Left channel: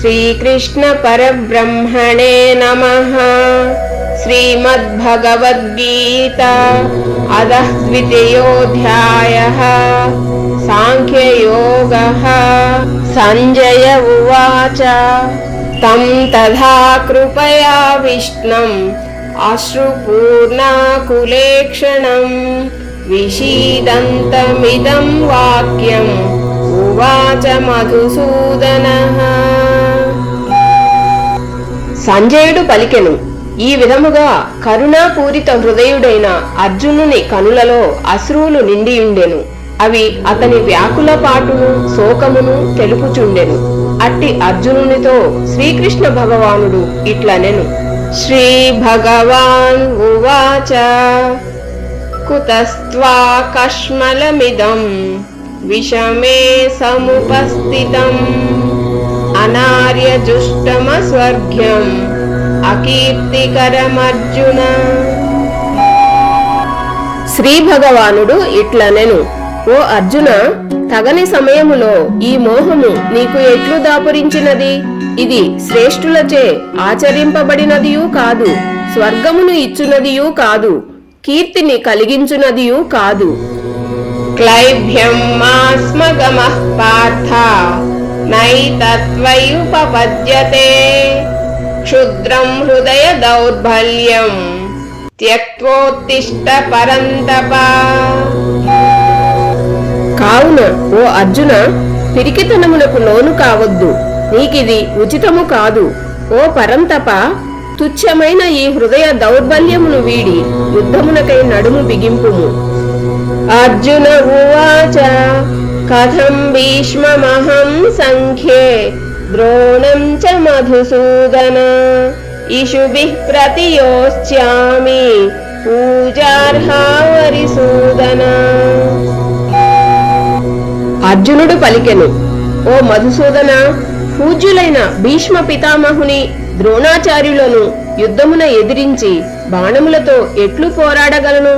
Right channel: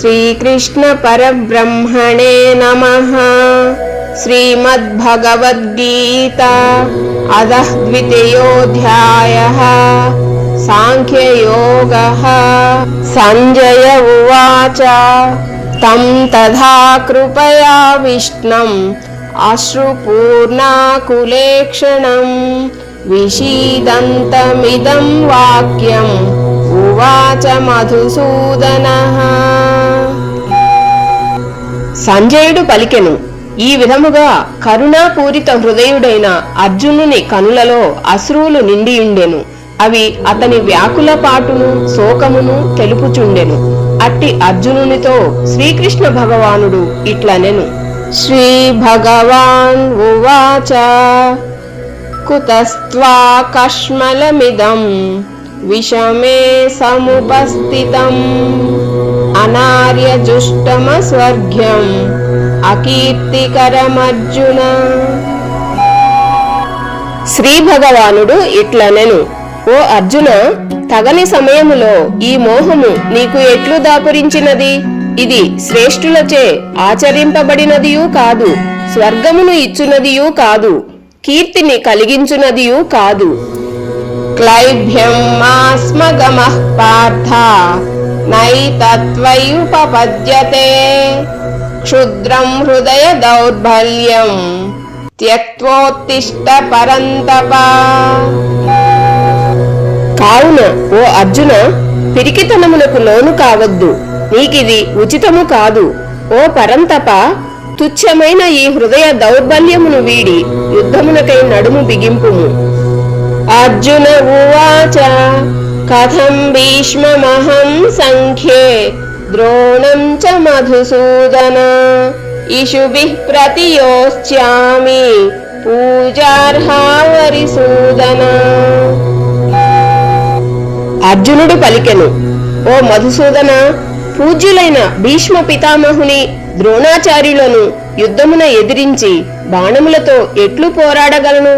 శ్రీకృష్ణ పరబ్రహ్మణే నమః. శ్రీమద్భగవద్గీత అధః ద్వితీయోऽధ్యాయః. సాంఖ్యయోగః. సంజయ ఉవాచ తం తథా కృపయావిష్ణం అశ్రుపూర్ణాకులేక్షణం విషీదంతమిదం వాక్యం ఉవాచ మధుసూదనః. సంజయుడు పలికెను, ఈ విధముగా కరుణాపూరిత హృదయుడైన అర్జునుని కనులలో అశ్రువులు నిండియుండెను. అవి అతని వ్యాకుల పాటును శోకమును తెలుపుచుండెను. అట్టి అర్జునునితో శ్రీకృష్ణ భగవానుడు ఇట్లనెను. శ్రీ భగవాన్ ఉవాచ కుతస్త్వా కష్మలమిదం విషమే సముపస్థితం అనార్యజుష్టమస్వర్గ్యం అకీర్తికరమర్జున. శ్రీ భగవానుడు ఇట్లనెను, ఓ అర్జున, తగని సమయములో ఈ మోహము నీకు ఎట్లు దాపురించినది? ఇది శ్రేష్ఠులచే ఆచరింపబడినదియూ కాదు, స్వర్గమును ఇచ్చునదియూ కాదు, కీర్తిని కలిగించునదియూ కాదు. క్లైభ్యం మాస్మగమః పార్థ నైతత్వయుపపద్యతే క్షుద్రం హృదయ దౌర్బల్యం త్యక్తోత్తిష్ట పరంతప. కావున ఓ అర్జున, పిరికితనమునకు లోను కావద్దు, నీకిది ఉచితము కాదు. ఓ పరంతప, తుచ్చమైన ఈ హృదయ దౌర్బల్యమును వీడి యుద్ధమునకై నడుము బిగింపుము. అర్జున ఉవాచ కథం భీష్మమహం సంఖ్యే ద్రోణం చ మధుసూదన ఇషుభిః ప్రతియోచ్యామి పూజార్హా వరిసూదన. అర్జునుడు పలికెను, ఓ మధుసూదన, పూజ్యులైన భీష్మ పితామహుని ద్రోణాచార్యులను యుద్ధమున ఎదిరించి బాణములతో ఎట్లు పోరాడగలను?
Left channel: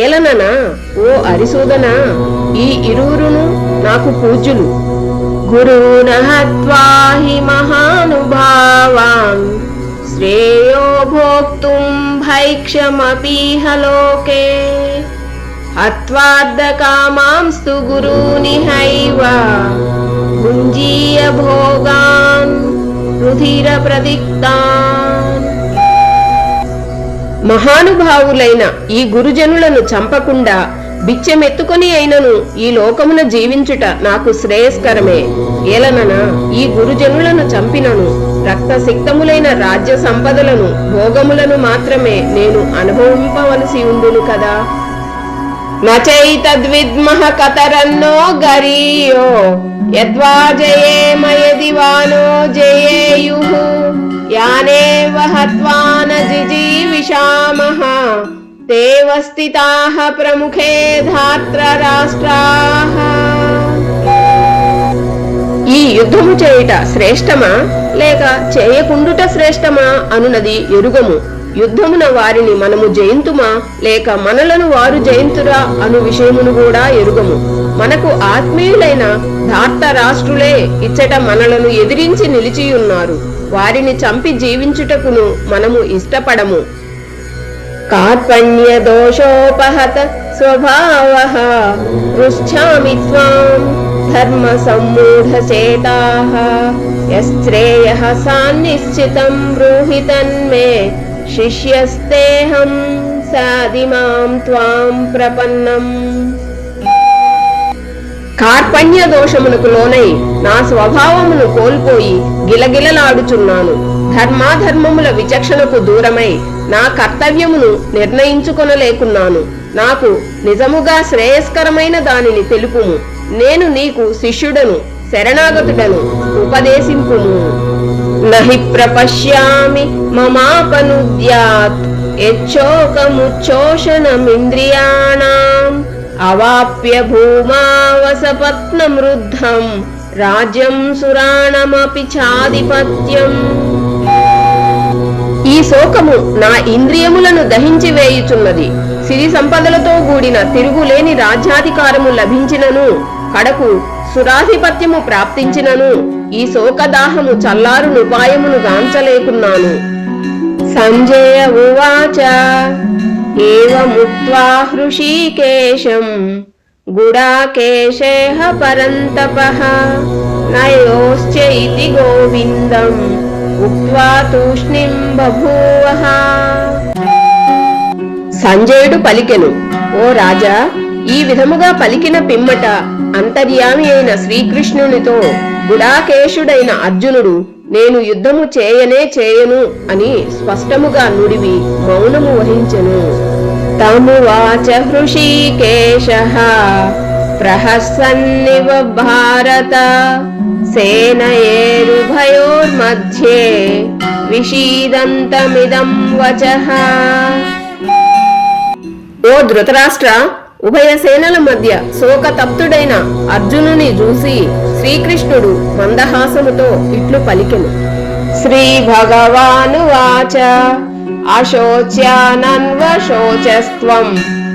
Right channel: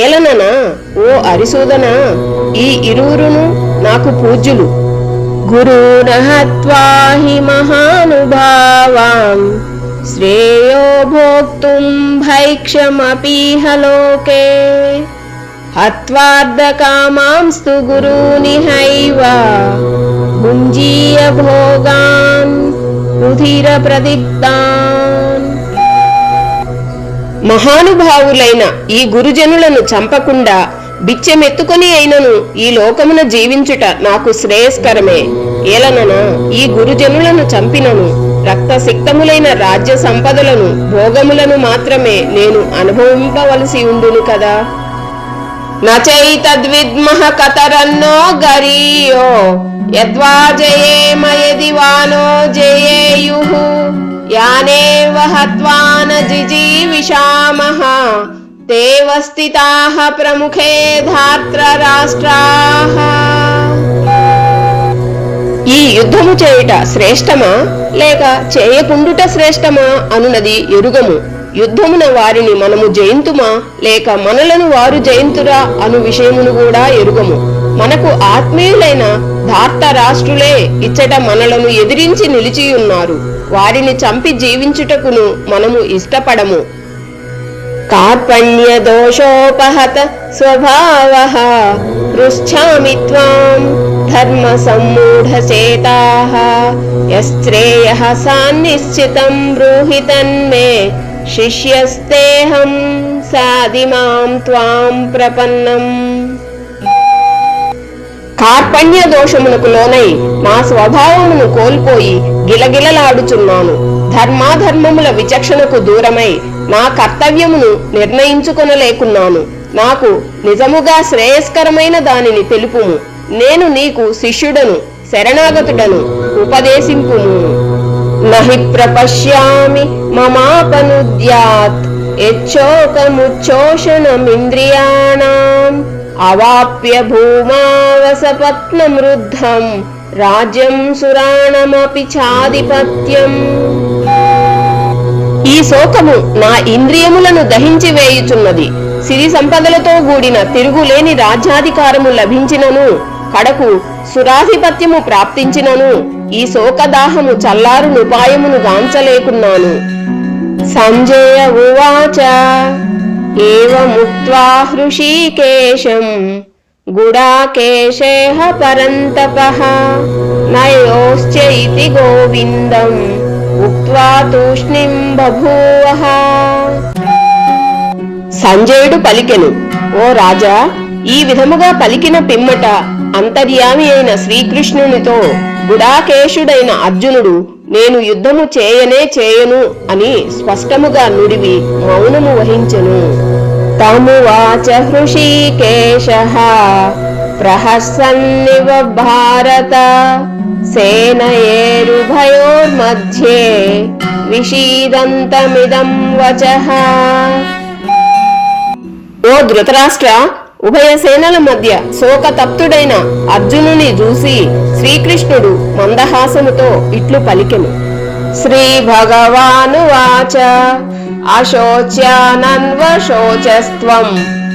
ఏలననా ఓ అరిసూదన, ఈ ఇరువురును నాకు పూజ్యులు. గురూన్ హత్వా హి మహానుభావాన్ శ్రేయో భోక్తుం భైక్షమపీహ లోకే హత్వార్ధకామాంస్తు గురూనిహైవ భుంజీయ భోగాన్ రుధిర ప్రదిక్తాన్. మహానుభావులైన ఈ గురుజనులను చంపకుండా బిచ్చెమెత్తుకొని అయినను ఈ లోకమున జీవించుట నాకు శ్రేయస్కరమే. ఏలననా ఈ గురుజనులను చంపినను రక్తసిక్తములైన రాజ్య సంపదలను భోగములను మాత్రమే నేను అనుభవింపవలసి ఉండును కదా. నచైతద్విద్మః కతరన్నో గరీయో యద్వా జయేమ యది వానో జయేయుః యానేవ హత్వా న జిజీవిషామః తేవ స్థితాః ప్రముఖే ధాత్ర రాష్ట్రాః. ఈ యుద్ధము చేయుట శ్రేష్టమా లేక చేయకుండుట శ్రేష్టమా అనునది ఎరుగము. యుద్ధమున వారిని మనము జయింతుమా లేక మనలను వారు జయింతురా అను విషయమును కూడా ఎరుగము. మనకు ఆత్మీయులైన ధార్త రాష్ట్రులే ఇచ్చట మనలను ఎదిరించి నిలిచియున్నారు. వారిని చంపి జీవించుటకును మనము ఇష్టపడము. కార్పణ్య దోషోపహత స్వభావః పృచ్ఛామి త్వాం ధర్మ సమ్మూఢచేతాః యశ్రేయః సాన్నిశ్చితం బ్రూహి తన్మే శిష్యస్తేహం సాదిమాం త్వాం ప్రపన్నం. కార్పణ్య దోషమునకు లోనై నా స్వభావమును కోల్పోయి గిలగిలలాడుచున్నాను. ధర్మాధర్మముల విచక్షణకు దూరమై నా కర్తవ్యమును నిర్ణయించుకొనలేకున్నాను. నాకు నిజముగా శ్రేయస్కరమైన దానిని తెలుపుము. నేను నీకు శిష్యుడను, శరణాగతుడను, ఉపదేశింపుము. నహి ప్రపశ్యామి మమాపనుద్యాత్ యచ్చోకముచ్చోషణమింద్రియాణాం అవాప్య భూమావసపత్నం రుద్ధం రాజ్యం సురాణమపి చాధిపత్యం. ఈ శోకము నా ఇంద్రియములను దహించి వేయుచున్నది. సిరి సంపదలతో కూడిన తిరుగులేని రాజ్యాధికారము లభించినను కడకు సురాధిపత్యము ప్రాప్తించినను ఈ శోకదాహము చల్లారునుపాయమును గాంచలేకున్నాను. సంజయ ఉవాచ ఏవముక్త్వా హృషీకేశం గుడాకేశేహ పరంతపః నయోశ్చ ఇతి గోవిందం ఉక్త్వా తూష్ణీం బభూవః. సంజయుడు పలికెను, ఓ రాజా, ఈ విధముగా పలికిన పిమ్మట అంతర్యామి అయిన శ్రీకృష్ణునితో గుడాకేశుడైన అర్జునుడు నేను యుద్ధము చేయను అని స్పష్టముగా నుడివి మౌనము వహించెను. తమువాచ హృషీకేశః ప్రహసన్నివ భారత సేనయేరుభయోర్మధ్యే విషీదంతమిదం వచః. ఓ ధృతరాష్ట్ర, ఉభయ సేనల మధ్య శోకతప్తుడైన అర్జునుని చూసి శ్రీకృష్ణుడు మందహాసముతో ఇట్లు పలికెను. శ్రీ భగవానువాచ అశోచ్యానన్వశోచస్త్వం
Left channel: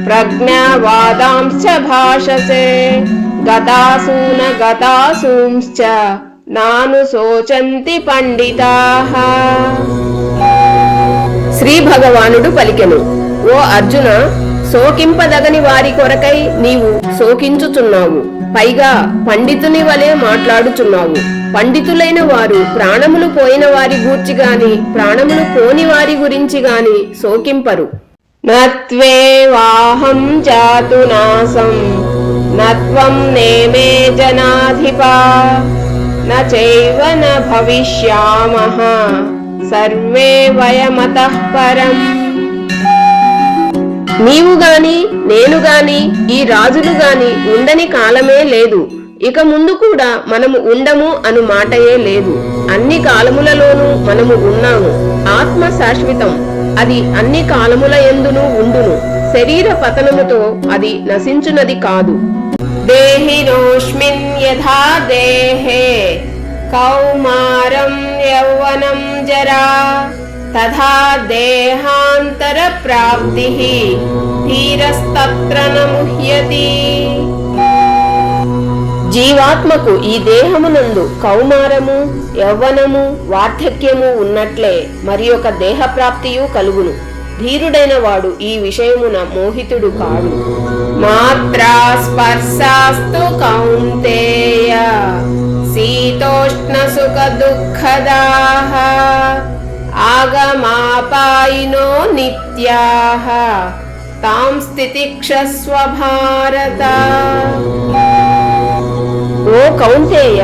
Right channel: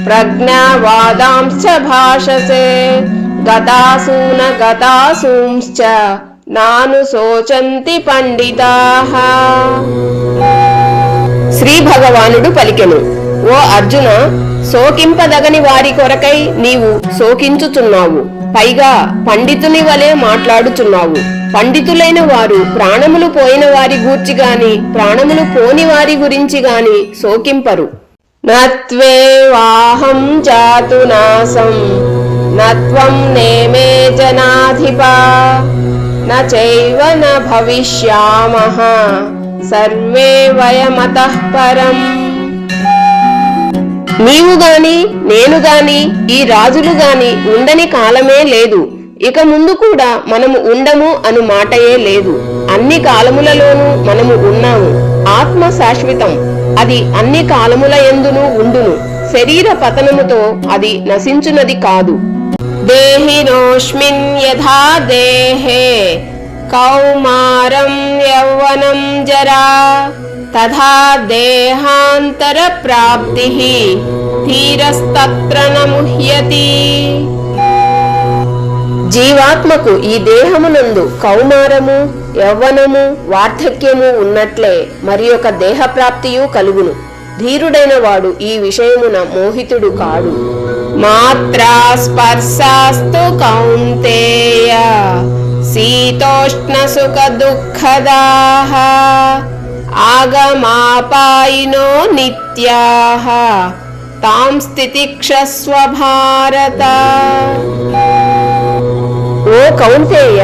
ప్రజ్ఞావాదాంశ్చ భాషసే గతాసూన గతాసూంశ్చ నాను శోచంతి పండితాః. శ్రీ భగవానుడు పలికెను, ఓ అర్జున, శోకింపదగని వారి కొరకై నీవు శోకించుచున్నావు. పైగా పండితుని వలె మాట్లాడుచున్నావు. పండితులైన వారు ప్రాణములు పోయిన వారి గూర్చి గాని ప్రాణములు పోని వారి గురించి గాని శోకింపరు. నత్వేవాహం జాతు నాసం నత్వం నేమే జనాధిపా నచైవ న భవిష్యామః సర్వే వయమతః పరం. నీవు గాని నేను గాని ఈ రాజులు గాని ఉండని కాలమే లేదు. ఇక ముందు కూడా మనము ఉండము అను మాటయే లేదు. అన్ని కాలములలోనూ మనము ఉన్నాము. ఆత్మ శాశ్వతం, అది అన్ని కాలముల యందును ఉండును. శరీర పతనముతో అది నశించునది కాదు. దేహినోస్మిన్ యథా దేహే కౌమారం యౌవనం జరా తథా దేహాంతర ప్రాప్తిః ధీరస్తత్ర న ముహ్యతి. జీవాత్మకు ఈ దేహమునందు కౌమారము, యవ్వనము, వార్ధక్యము ఉన్నట్లే మరి ఒక దేహప్రాప్తియు కలుగును. ధీరుడైన వాడు ఈ విషయమున మోహితుడు కాడు. మాత్రా స్పర్శాస్తు కౌంతేయ శీతోష్ణ సుఖ దుఃఖదాః ఆగమాపాయినో నిత్యాః తాం స్థితిక్షస్వ భారత. ఓ కౌంతేయ,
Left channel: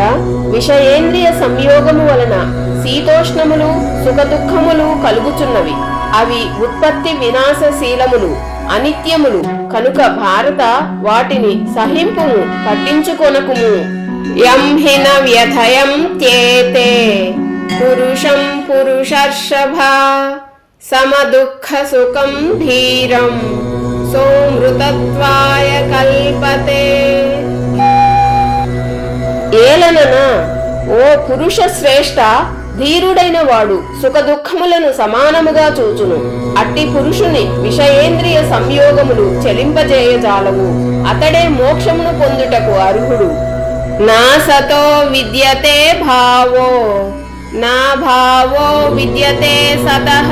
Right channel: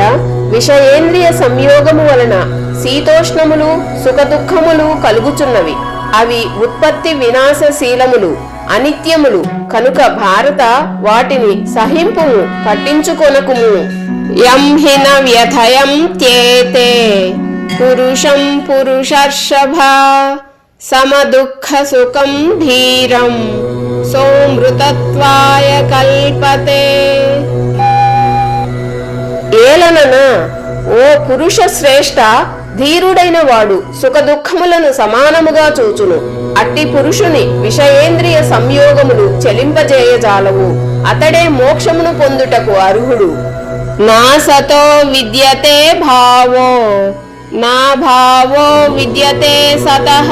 విషయేంద్రియ సంయోగము వలన శీతోష్ణములు సుఖదుఖములు కలుగుచున్నవి. అవి ఉత్పత్తి వినాశశీలములు, అనిత్యములు కనుక భారత వాటిని సహింపుము, పట్టించుకొనకుము. యం హిన వ్యథయం త్యేతే పురుషం పురుషర్షభ సమదుఃఖ సుఖం ధీరం సోమృతత్వాయ కల్పతే. ఏలనన ఓ పురుష శ్రేష్ఠ, ధీరుడైన వాడు సుఖదుఖములను సమానముగా చూచును. అట్టి పురుషుని విషయేంద్రియ సంయోగములు చెలింపజేయజాలవు. అతడే మోక్షమును పొందుటకు అర్హుడు. నా సతో విద్యతే భావో నా భావో విద్యతే సతః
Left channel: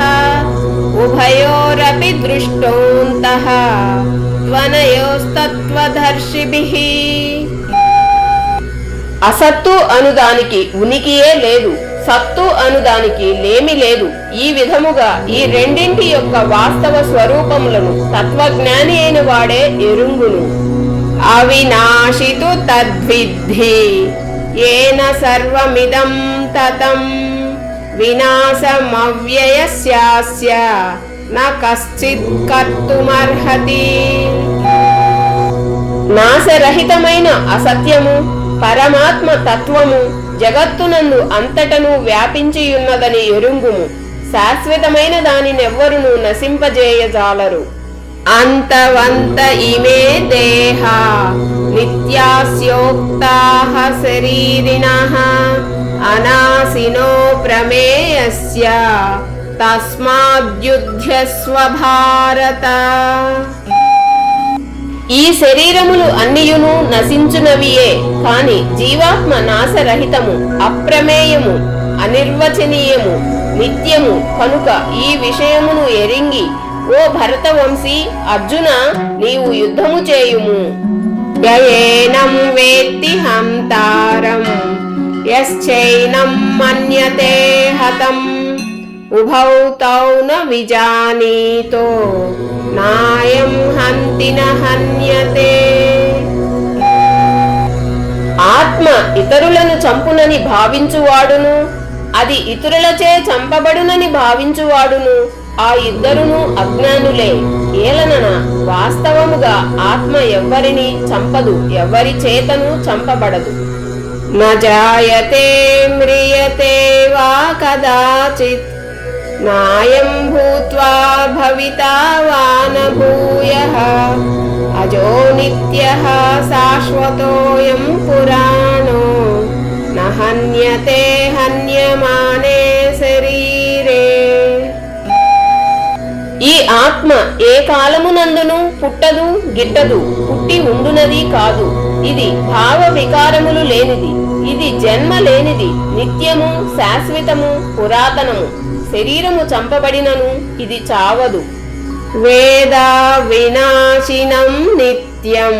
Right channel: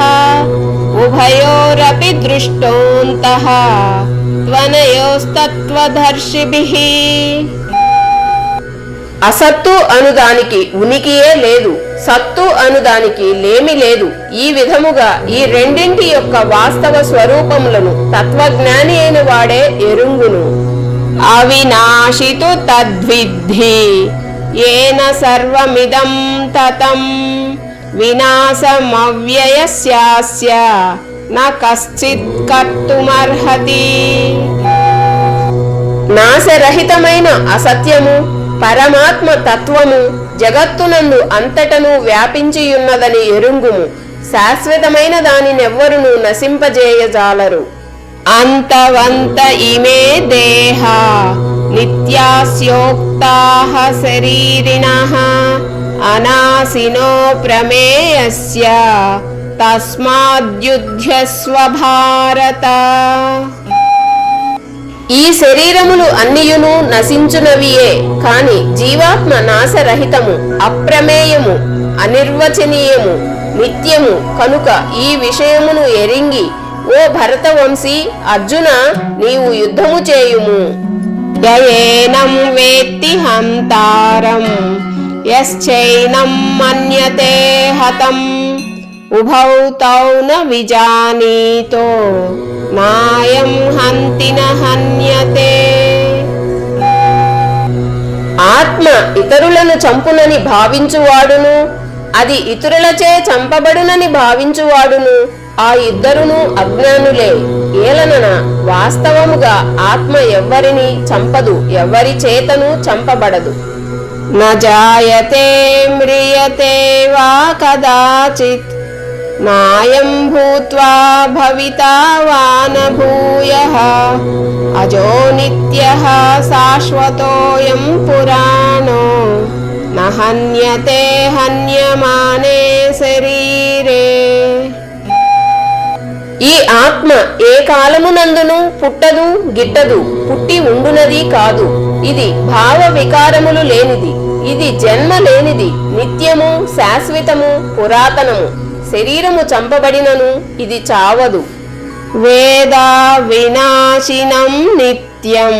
ఉభయోరపి దృష్టోంతః త్వనయోస్తత్వదర్శిభిః. అసత్తు అనుదానికి ఉనికియే లేదు, సత్తు అనుదానికి లేమి లేదు. ఈ విధముగా ఈ రెండింటి యొక్క వాస్తవ స్వరూపములను తత్వజ్ఞాని అయిన వాడే ఎరుంగును. అవినాశితు తద్విద్ధి ఏన సర్వమిదం తతం వినాశమవ్యయస్యాస్య న కశ్చిత్ కర్తుమర్హతి. నాశరహితమైన అసత్యము పరమాత్మ తత్వము జగత్తునందు అంతటను వ్యాపించియున్నదని ఎరుంగుము. శాశ్వతమైన దానినెవ్వరును నశింపజేయజాలరు. అంతవంత ఇమే దేహ నిత్యాస్యోక్తాః శరీరిణః అనాశినో ప్రమేయస్య తస్మాద్యుధ్యస్వ భారత. ఈ శరీరములు అన్నియును నశించునవియే, కాని జీవాత్మ నాశరహితము, అప్రమేయము, అనిర్వచనీయము, నిత్యము కనుక ఈ విషయమును ఎరింగి ఓ భరతవంశీ అర్జున, నీవు యుద్ధము చేయుము. యయేనం వేత్తి హంతారం యశ్చైనం మన్యతే హతం ఉభౌ తౌ న విజానీతో నాయం హంతి న హన్యతే. ఆత్మ ఇతరులను చంపునని భావించువాడును, అది ఇతరులచే చంపబడునని భావించువాడును ఆ ఇద్దరును అజ్ఞానులే. ఏలనన వాస్తవముగా ఆత్మ ఎవ్వరిని చంపదు, ఎవ్వరి చేతను చంపబడదు. న జాయతే మ్రియతే వా కదాచిత్ నాయం భూత్వా భవితా వా న భూయః అజో నిత్యః శాశ్వతోయం పురాణో న హన్యతే హన్యమానే శరీరే. ఈ ఆత్మ ఏ కాలమునందును పుట్టదు గిట్టదు, పుట్టి ఉండునది కాదు. ఇది భావ వికారములు లేనిది, ఇది జన్మ లేనిది, నిత్యము, శాశ్వతము, పురాతనము. శరీరము చంపబడినను ఇది చావదు. వేదా వినాశినం నిత్యం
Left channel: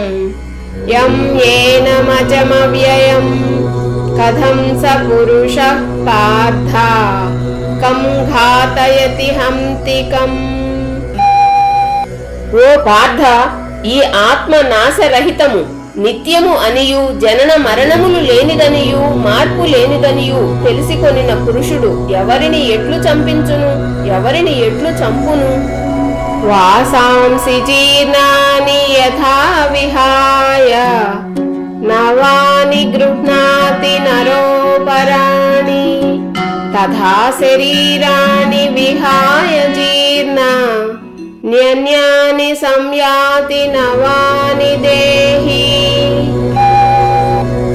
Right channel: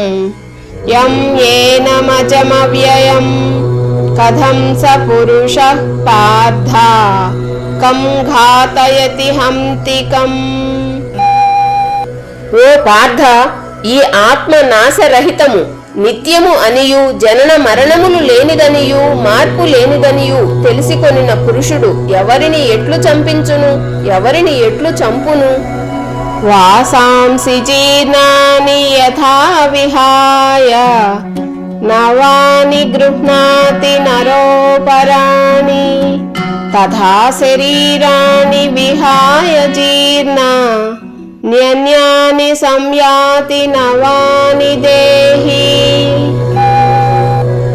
యం ఏనమజమవ్యయం కథం స పురుషః పార్థ కం ఘాతయతి హంతికం. ఓ పార్థ, ఈ ఆత్మ నాశరహితము, నిత్యము అనియు జనన మరణములు లేనిదనియు మార్పు లేనిదనియు తెలిసికొనిన పురుషుడు ఎవరిని ఎట్లు చంపించును, ఎవరిని ఎట్లు చంపును? వాసాంసి జీర్ణాని యథా విహాయ నవాని గృహ్ణాతి నరోపరాణి తథా శరీరాణి విహాయ జీర్ణ న్యన్యాని సంయాతి నవాని దేహి.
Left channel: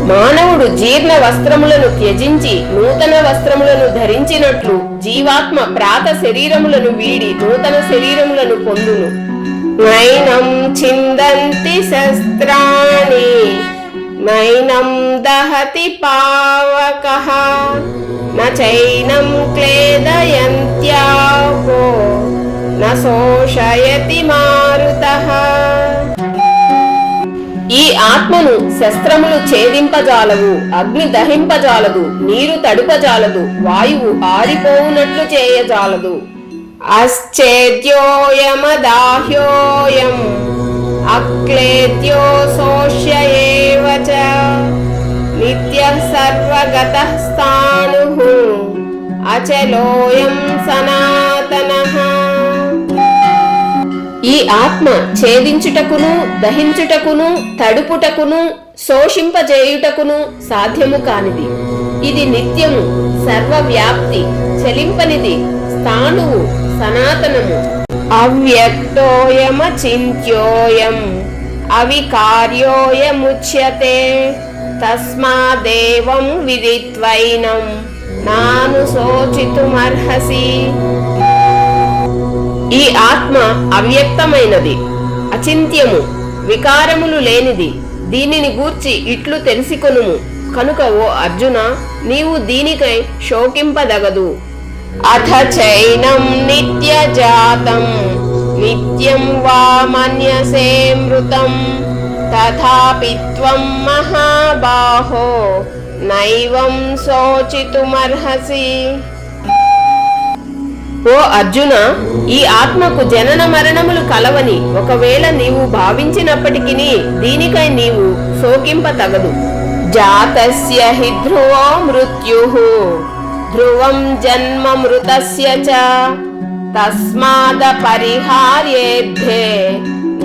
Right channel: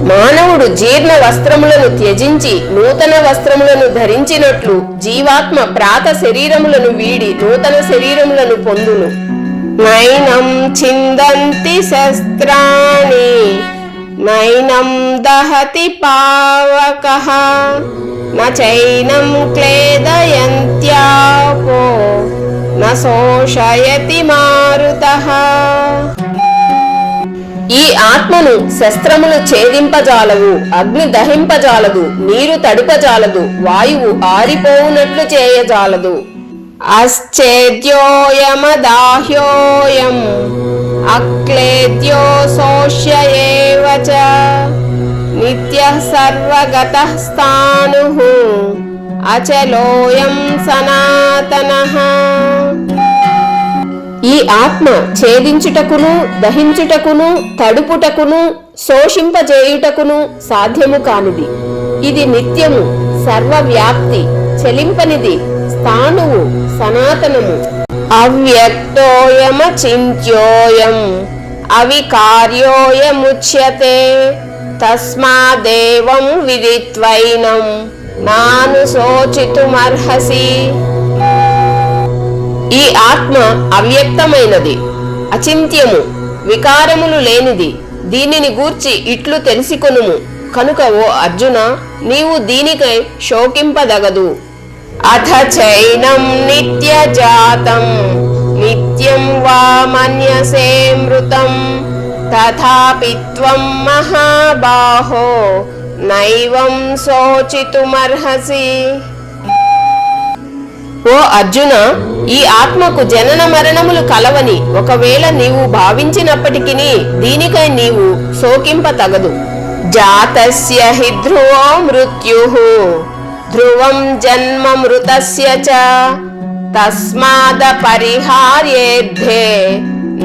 మానవుడు జీర్ణ వస్త్రములను త్యజించి నూతన వస్త్రములను ధరించినట్లు జీవాత్మ ప్రాత శరీరములను వీడి నూతన శరీరములను పొందును. నైనం చిందంతి శస్త్రాణి నైనం దహతి పావకః నైనం క్లేదయంత్యాపో న శోషయతి మారుతః. ఈ ఆత్మను శస్త్రములు ఛేదింపజాలవు, అగ్ని దహింపజాలదు, నీరు తడిపజాలదు, వాయువు ఆరిపోవునట్లు చేయజాలదు. అశ్చేద్యోయమదాహ్యోయం అక్లేద్యో శోష్య ఏవ చ నిత్యః సర్వగతః స్థాణుః అచలోయం సనాతనః. ఈ ఆత్మ ఛేదించుటకును దహించుటకును తడుపుటకును శోషింపజేయుటకును సాధ్యము కానిది. ఇది నిత్యము, సర్వవ్యాప్తి, చలింపనిది, స్థాణువు, సనాతనము. అవ్యక్తోయమచింత్యోయం అవికార్యోయముచ్యతే తస్మాదేవం విదిత్వైనం నానుశోచితుమర్హసి. ఈ ఆత్మ అవ్యక్తమైనది, అచింత్యము, వికారములు లేనిది. దీనిని గూర్చి ఇట్లు తెలిసికొనుము. కనుక ఓ అర్జున, నీవు దీనికై శోకింపదగదు. అథ చైనం నిత్యజాతం నిత్యం వా మన్యసే మృతం తథాపి త్వం మహాబాహో నైవం శోచితుమర్హసి. ఓ అర్జున, ఈ ఆత్మకు జనన మరణములు కలవని ఒకవేళ నీవు భావించినప్పటికీ దీనికై నీవు శోకింపతగదు. జాతస్య హి ధ్రువో మృత్యుః ధ్రువం జన్మ మృతస్య చ తస్మాదపరిహార్యేద్ధే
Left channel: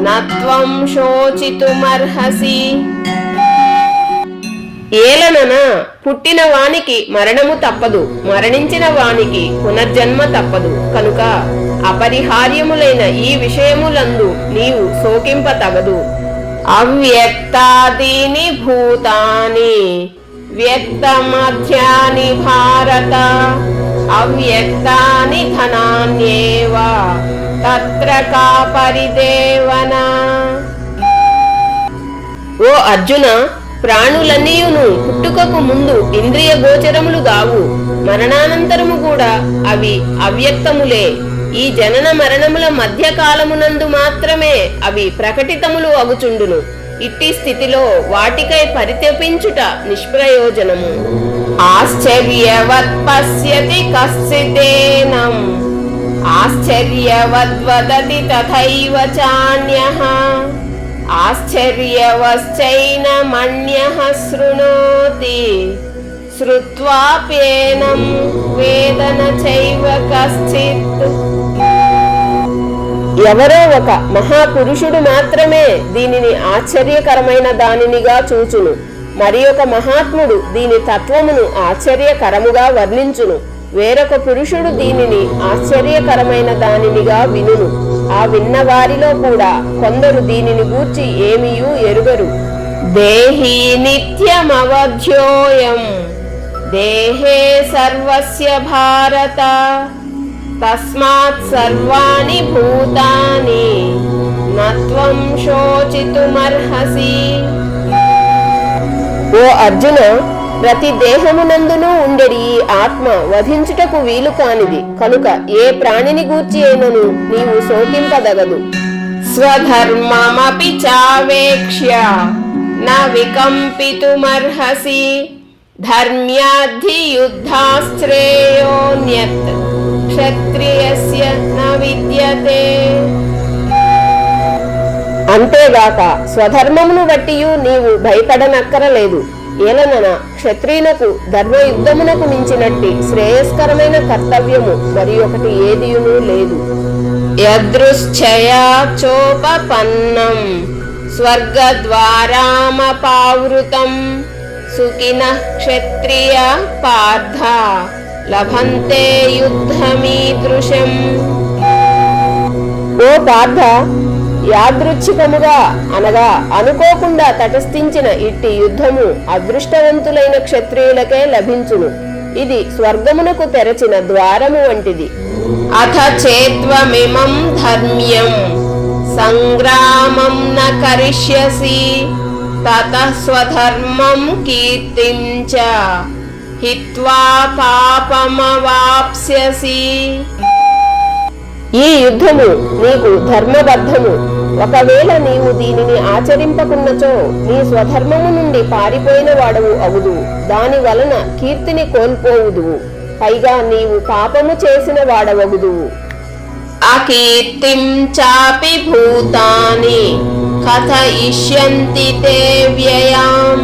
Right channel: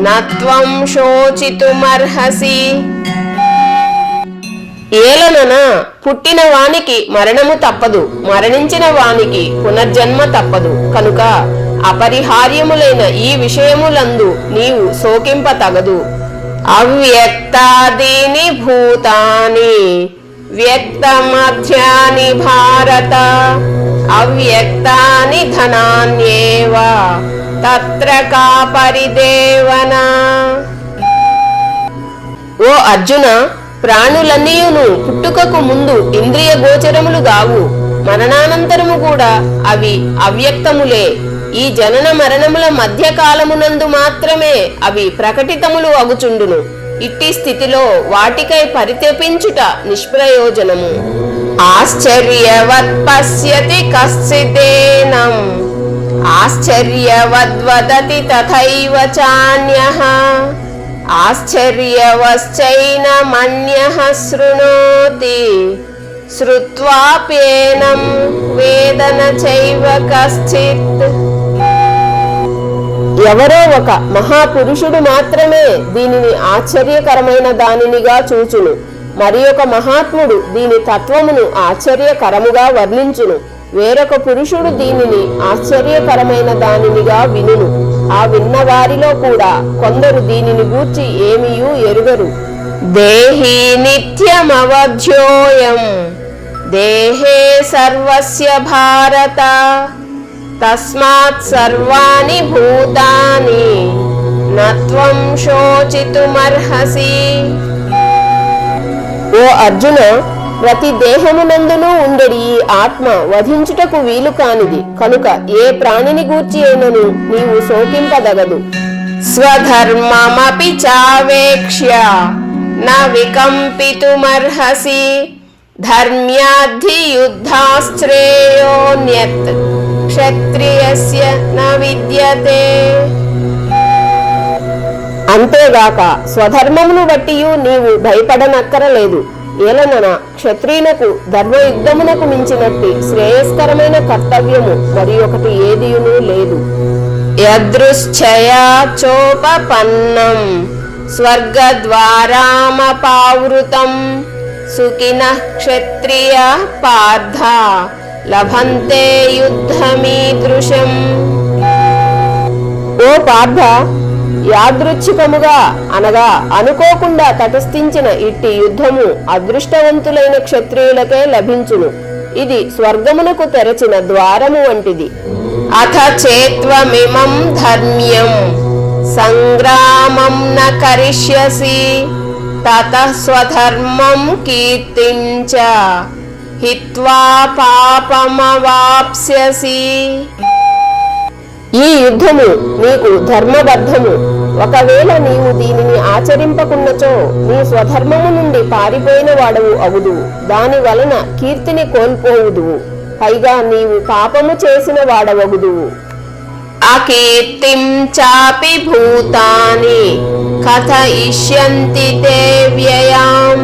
నత్వం శోచితుమర్హసి. ఏలనన పుట్టిన వానికి మరణము తప్పదు, మరణించిన వానికి పునర్జన్మ తప్పదు. కనుక అపరిహార్యములైన ఈ విషయములందు నీవు శోకింపతగదు. అవ్యక్తాదీని భూతాని వ్యక్తమధ్యాని భారత అవ్యక్తాని ధనాన్యేవ తత్ర కా పరిదేవన. ఓ అర్జున, ప్రాణులన్నీయును పుట్టుకకు ముందు ఇంద్రియ గోచరములు గావు, మరణానంతరము కూడా అవి అవ్యక్తములే. ఈ జనన మరణముల మధ్య కాలమునందు మాత్రమే అవి ప్రకటితములు అగుచుండును. ఇట్టి స్థితిలో వాటికై పరితపించుట నిష్ప్రయోజనము. ఆశ్చర్యవత్ పశ్యతి కశ్చిదేనం, ఆశ్చర్యవద్వదతి తథైవ చాన్యః, ఆశ్చర్యవశ్చైనమన్యః శృణోతి, శ్రుత్వాప్యేనం వేద న చైవ కశ్చిత్. ఎవరో ఒక మహాపురుషుడు మాత్రమే దీనిని ఆశ్చర్యకరమైన దానినిగా చూచును. మరి ఒక మహాత్ముడు దీని తత్వమును ఆశ్చర్యకరముగా వర్ణించును. వేరొక పురుషుడు దీనిని ఆశ్చర్యకరమైన దానినిగా వినును. ఆ విన్న వారిలో కూడా కొందరు దీనిని గూర్చి ఏమియూ ఎరుగరు. దేహి నిత్యమవధ్యోయం దేహే సర్వస్య భారత, తస్మాత్ సర్వాణి భూతాని నత్వం శోచితుమర్హసి. ఓ అర్జున, ప్రతి దేహమునందునూ ఉండెడి ఈ ఆత్మ వధించుటకు వీలు కానిది కనుక ఏ ప్రాణిని గూర్చి అయినను నీవు శోకింపదగదు. స్వధర్మమపి చావేక్ష్య న వికంపితుమర్హసి, ధర్మ్యాద్ధి యుద్ధాశ్రేయోన్యత్ క్షత్రియస్య న విద్యతే. అంతేగాక స్వధర్మమును బట్టియు నీవు భయపడనక్కరలేదు. ఏలనన క్షత్రియునకు ధర్మయుద్ధమునకు మించినట్టి శ్రేయస్కరమైన కర్తవ్యము మరి ఒకటి ఏదియునూ లేదు. యదృశ్చయా చోపపన్నం స్వర్గద్వారామపావృతం, సుఖినః క్షత్రియ పార్థ లభంతే యుద్ధమీదృశం. ఓ పార్థ, యాదృచ్ఛికముగా అనగా అనుకోకుండా తటస్థించిన ఇట్టి యుద్ధము అదృష్టవంతులైన క్షత్రియులకే లభించును. ఇది స్వర్గమునకు తెరచిన ద్వారము వంటిది. అథ చేత్వమిమం ధర్మ్యం సంగ్రామం న కరిష్యసి, తతః స్వధర్మం కీర్తిం చ హిత్వా పాపమవాప్స్యసి. ఈ యుద్ధము నీకు ధర్మబద్ధము. ఒకవేళ నీవు దీనిని ఆచరింపకున్నచో నీ స్వధర్మము నుండి పారిపోయిన వాడవు అగుదువు. దాని వలన కీర్తిని కోల్పోవుదువు. పైగా నీవు పాపము చేసిన వాడవగుదువు. అకీర్తిం చాపి భూతాని కథయిష్యంతి తే వ్యయాం,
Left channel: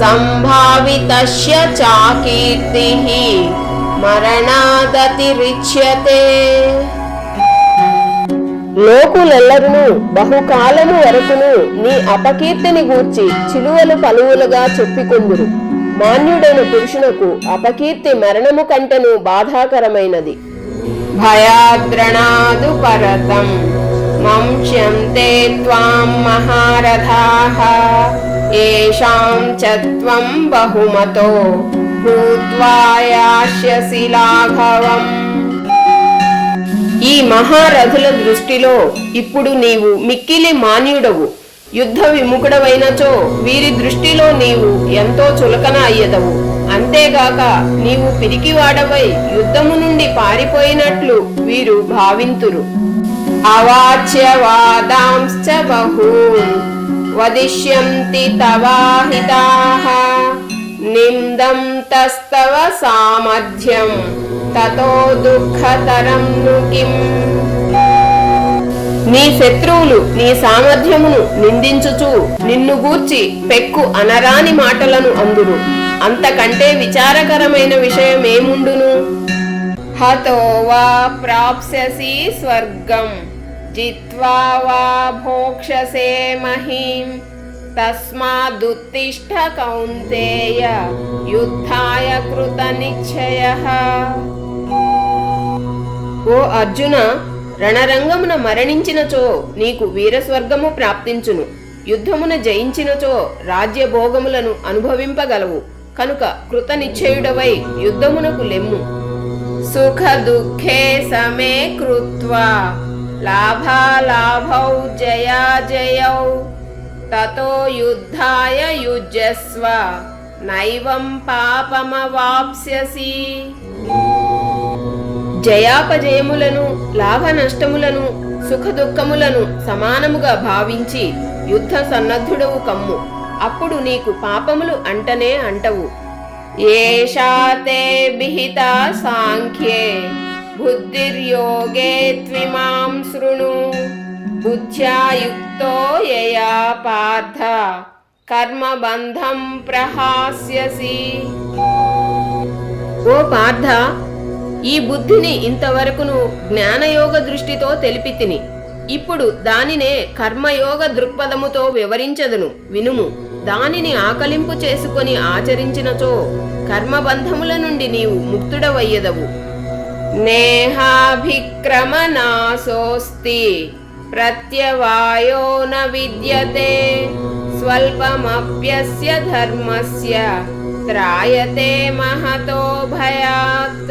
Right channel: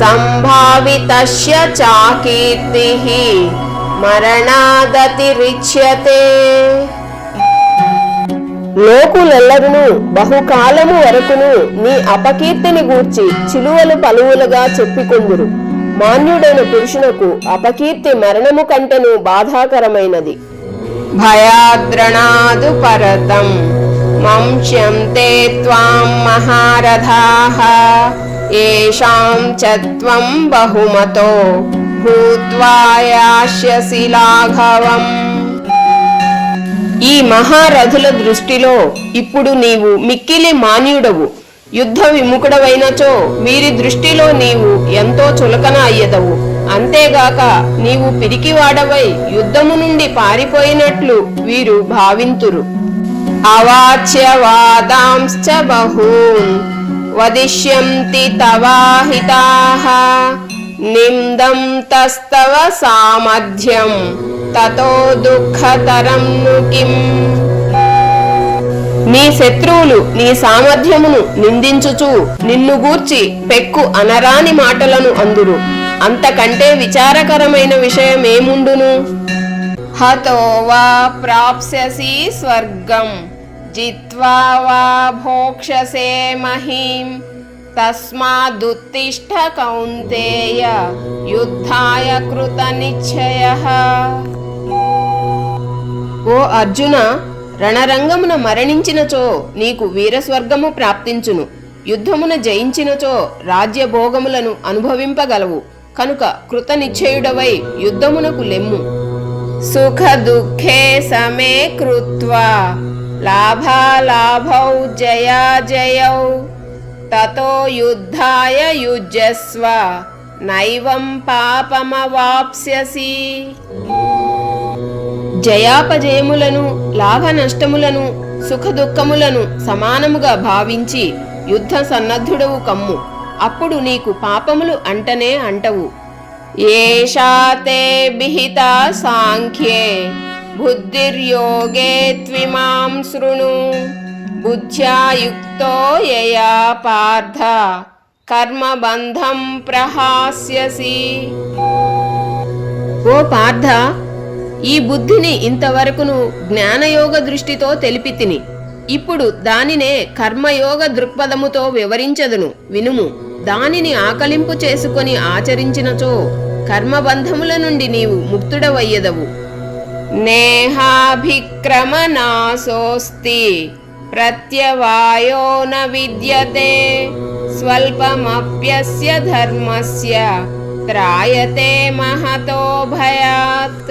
సంభావితస్య చాకీర్తిః మరణాదతిరిచ్యతే. లోకులెల్లరును బహుకాలము వరకును నీ అపకీర్తిని గూర్చి చిలువలు పలువులుగా చెప్పుకొందురు. మాన్యుడైన పురుషునకు అపకీర్తి మరణము కంటెను బాధాకరమైనది. భయాద్రణాదు పరతం మంష్యంతే త్వాం మహారథాః, ఏషాం చ త్వం బహుమతో భూత్వా యాస్యసి లాఘవం. ఈ మహారథుల దృష్టిలో ఇప్పుడు నీవు మిక్కిలి మాన్యుడవు. యుద్ధ విముఖుడవైనచో వీరి దృష్టిలో నీవు ఎంతో చులకన అయ్యదవు. అంతేగాక నీవు పిరికివాడవై యుద్ధము నుండి పారిపోయినట్లు వీరు భావింతురు. అవాచ్యవాదాంశ్చ బహూన్ వదిష్యంతి తవాహితాః, నిందం తస్తవ సామర్థ్యం తతో దుఃఖతరం ను కిం. నీ శత్రువులు నీ సామర్థ్యమును నిందించుచు నిన్ను గూర్చి పెక్కు అనరాని మాటలను అందురు. అంతకంటే విచారకరమైన విషయమేముండును? హతో వా ప్రాప్స్యసి స్వర్గం జిత్వా వా భోక్ష్యసే మహీం, తస్మాదుత్తిష్ఠ కౌంతేయ యుద్ధాయ కృత నిశ్చయః. ఓ అర్జున, రణరంగమున మరణించినచో నీకు వీరస్వర్గము ప్రాప్తించును. యుద్ధమున జయించినచో రాజ్యభోగములను అనుభవింపగలవు. కనుక కృత నిశ్చయుడవై యుద్ధమునకు లెమ్ము. సుఖ దుఃఖే సమే కృత్వా లాభాలాభౌ జయాజయౌ, తతో యుద్ధాయ యుజ్యస్వ నైవం పాపమవాప్స్యసి. జయాపజయములను, లాభ నష్టములను, సుఖదుఖములను సమానముగా భావించి యుద్ధ సన్నద్ధుడవు కమ్ము. అప్పుడు నీకు పాపములు అంటనే అంటవు. ఏషా తే విహితా సాంఖ్యే బుద్ధిర్యోగే త్విమాం శృణు. బుద్ధ్యా యుక్తో యయా పార్థ కర్మబంధం ప్రహాస్యసి. ఓ పార్థ, ఈ బుద్ధిని ఇంతవరకును జ్ఞానయోగ దృష్టితో తెలిపి తిని, ఇప్పుడు దానినే కర్మయోగ దృక్పథముతో వివరించదును, వినుము. దానిని ఆకలింపు చేసుకొని ఆచరించినచో కర్మబంధముల నుండి నీవు ముక్తుడవయ్యదవు. నేహాభిక్రమనాశోస్తి ప్రత్యవాయో న విద్యతే. స్వల్పమప్యస్య ధర్మస్య త్రాయతే మహతో భయాత్.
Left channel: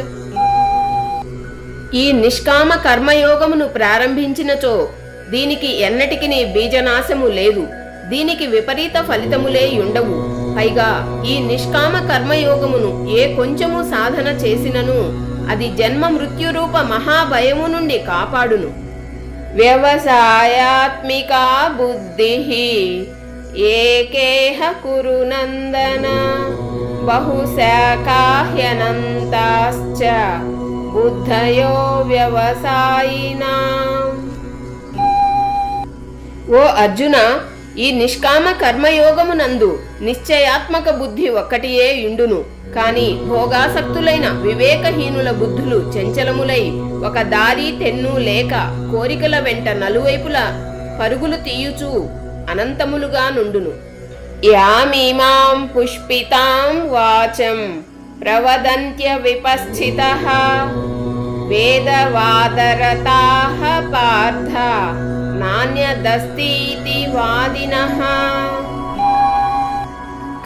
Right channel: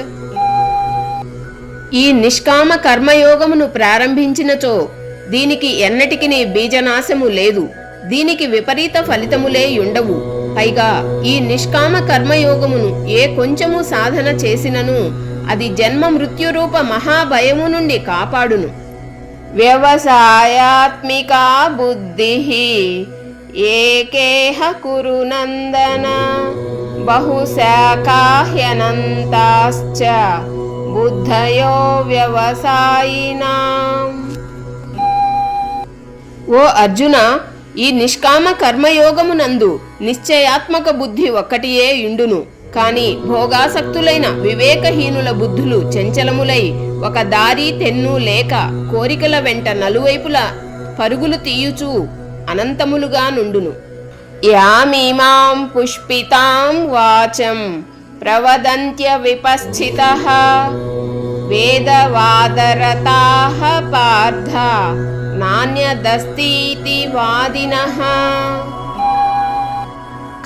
ఈ నిష్కామ కర్మయోగమును ప్రారంభించినచో దీనికి ఎన్నటికి బీజనాశము లేదు, దీనికి విపరీత ఫలితములే ఉండవు. పైగా ఈ నిష్కామ కర్మయోగమును ఏ కొంచెము సాధన చేసినను అది జన్మ మృత్యురూప మహాభయము నుండి కాపాడును. వ్యవసాయాత్మికా బుద్ధిః ఏకేహ కురు నందన. బహుశాఖాహ్యనంతాశ్చ బుద్ధయో వ్యవసాయినాం. ఓ అర్జున, ఈ నిష్కామ కర్మయోగమునందు నిశ్చయాత్మక బుద్ధి ఒక్కటియే యుండును. కాని భోగాసక్తులైన వివేకహీనుల బుద్ధులు చంచలములై ఒక దారి తెన్ను లేక కోరికల వెంట నలువైపుల పరుగులు తీయుచూ అనంతములుగా నుండును. యామీమాం పుష్పితాం వాచం ప్రవదంత్య విపశ్చితః వేదవాదరతాః పార్థ నాన్యదస్తీతి వాదినః.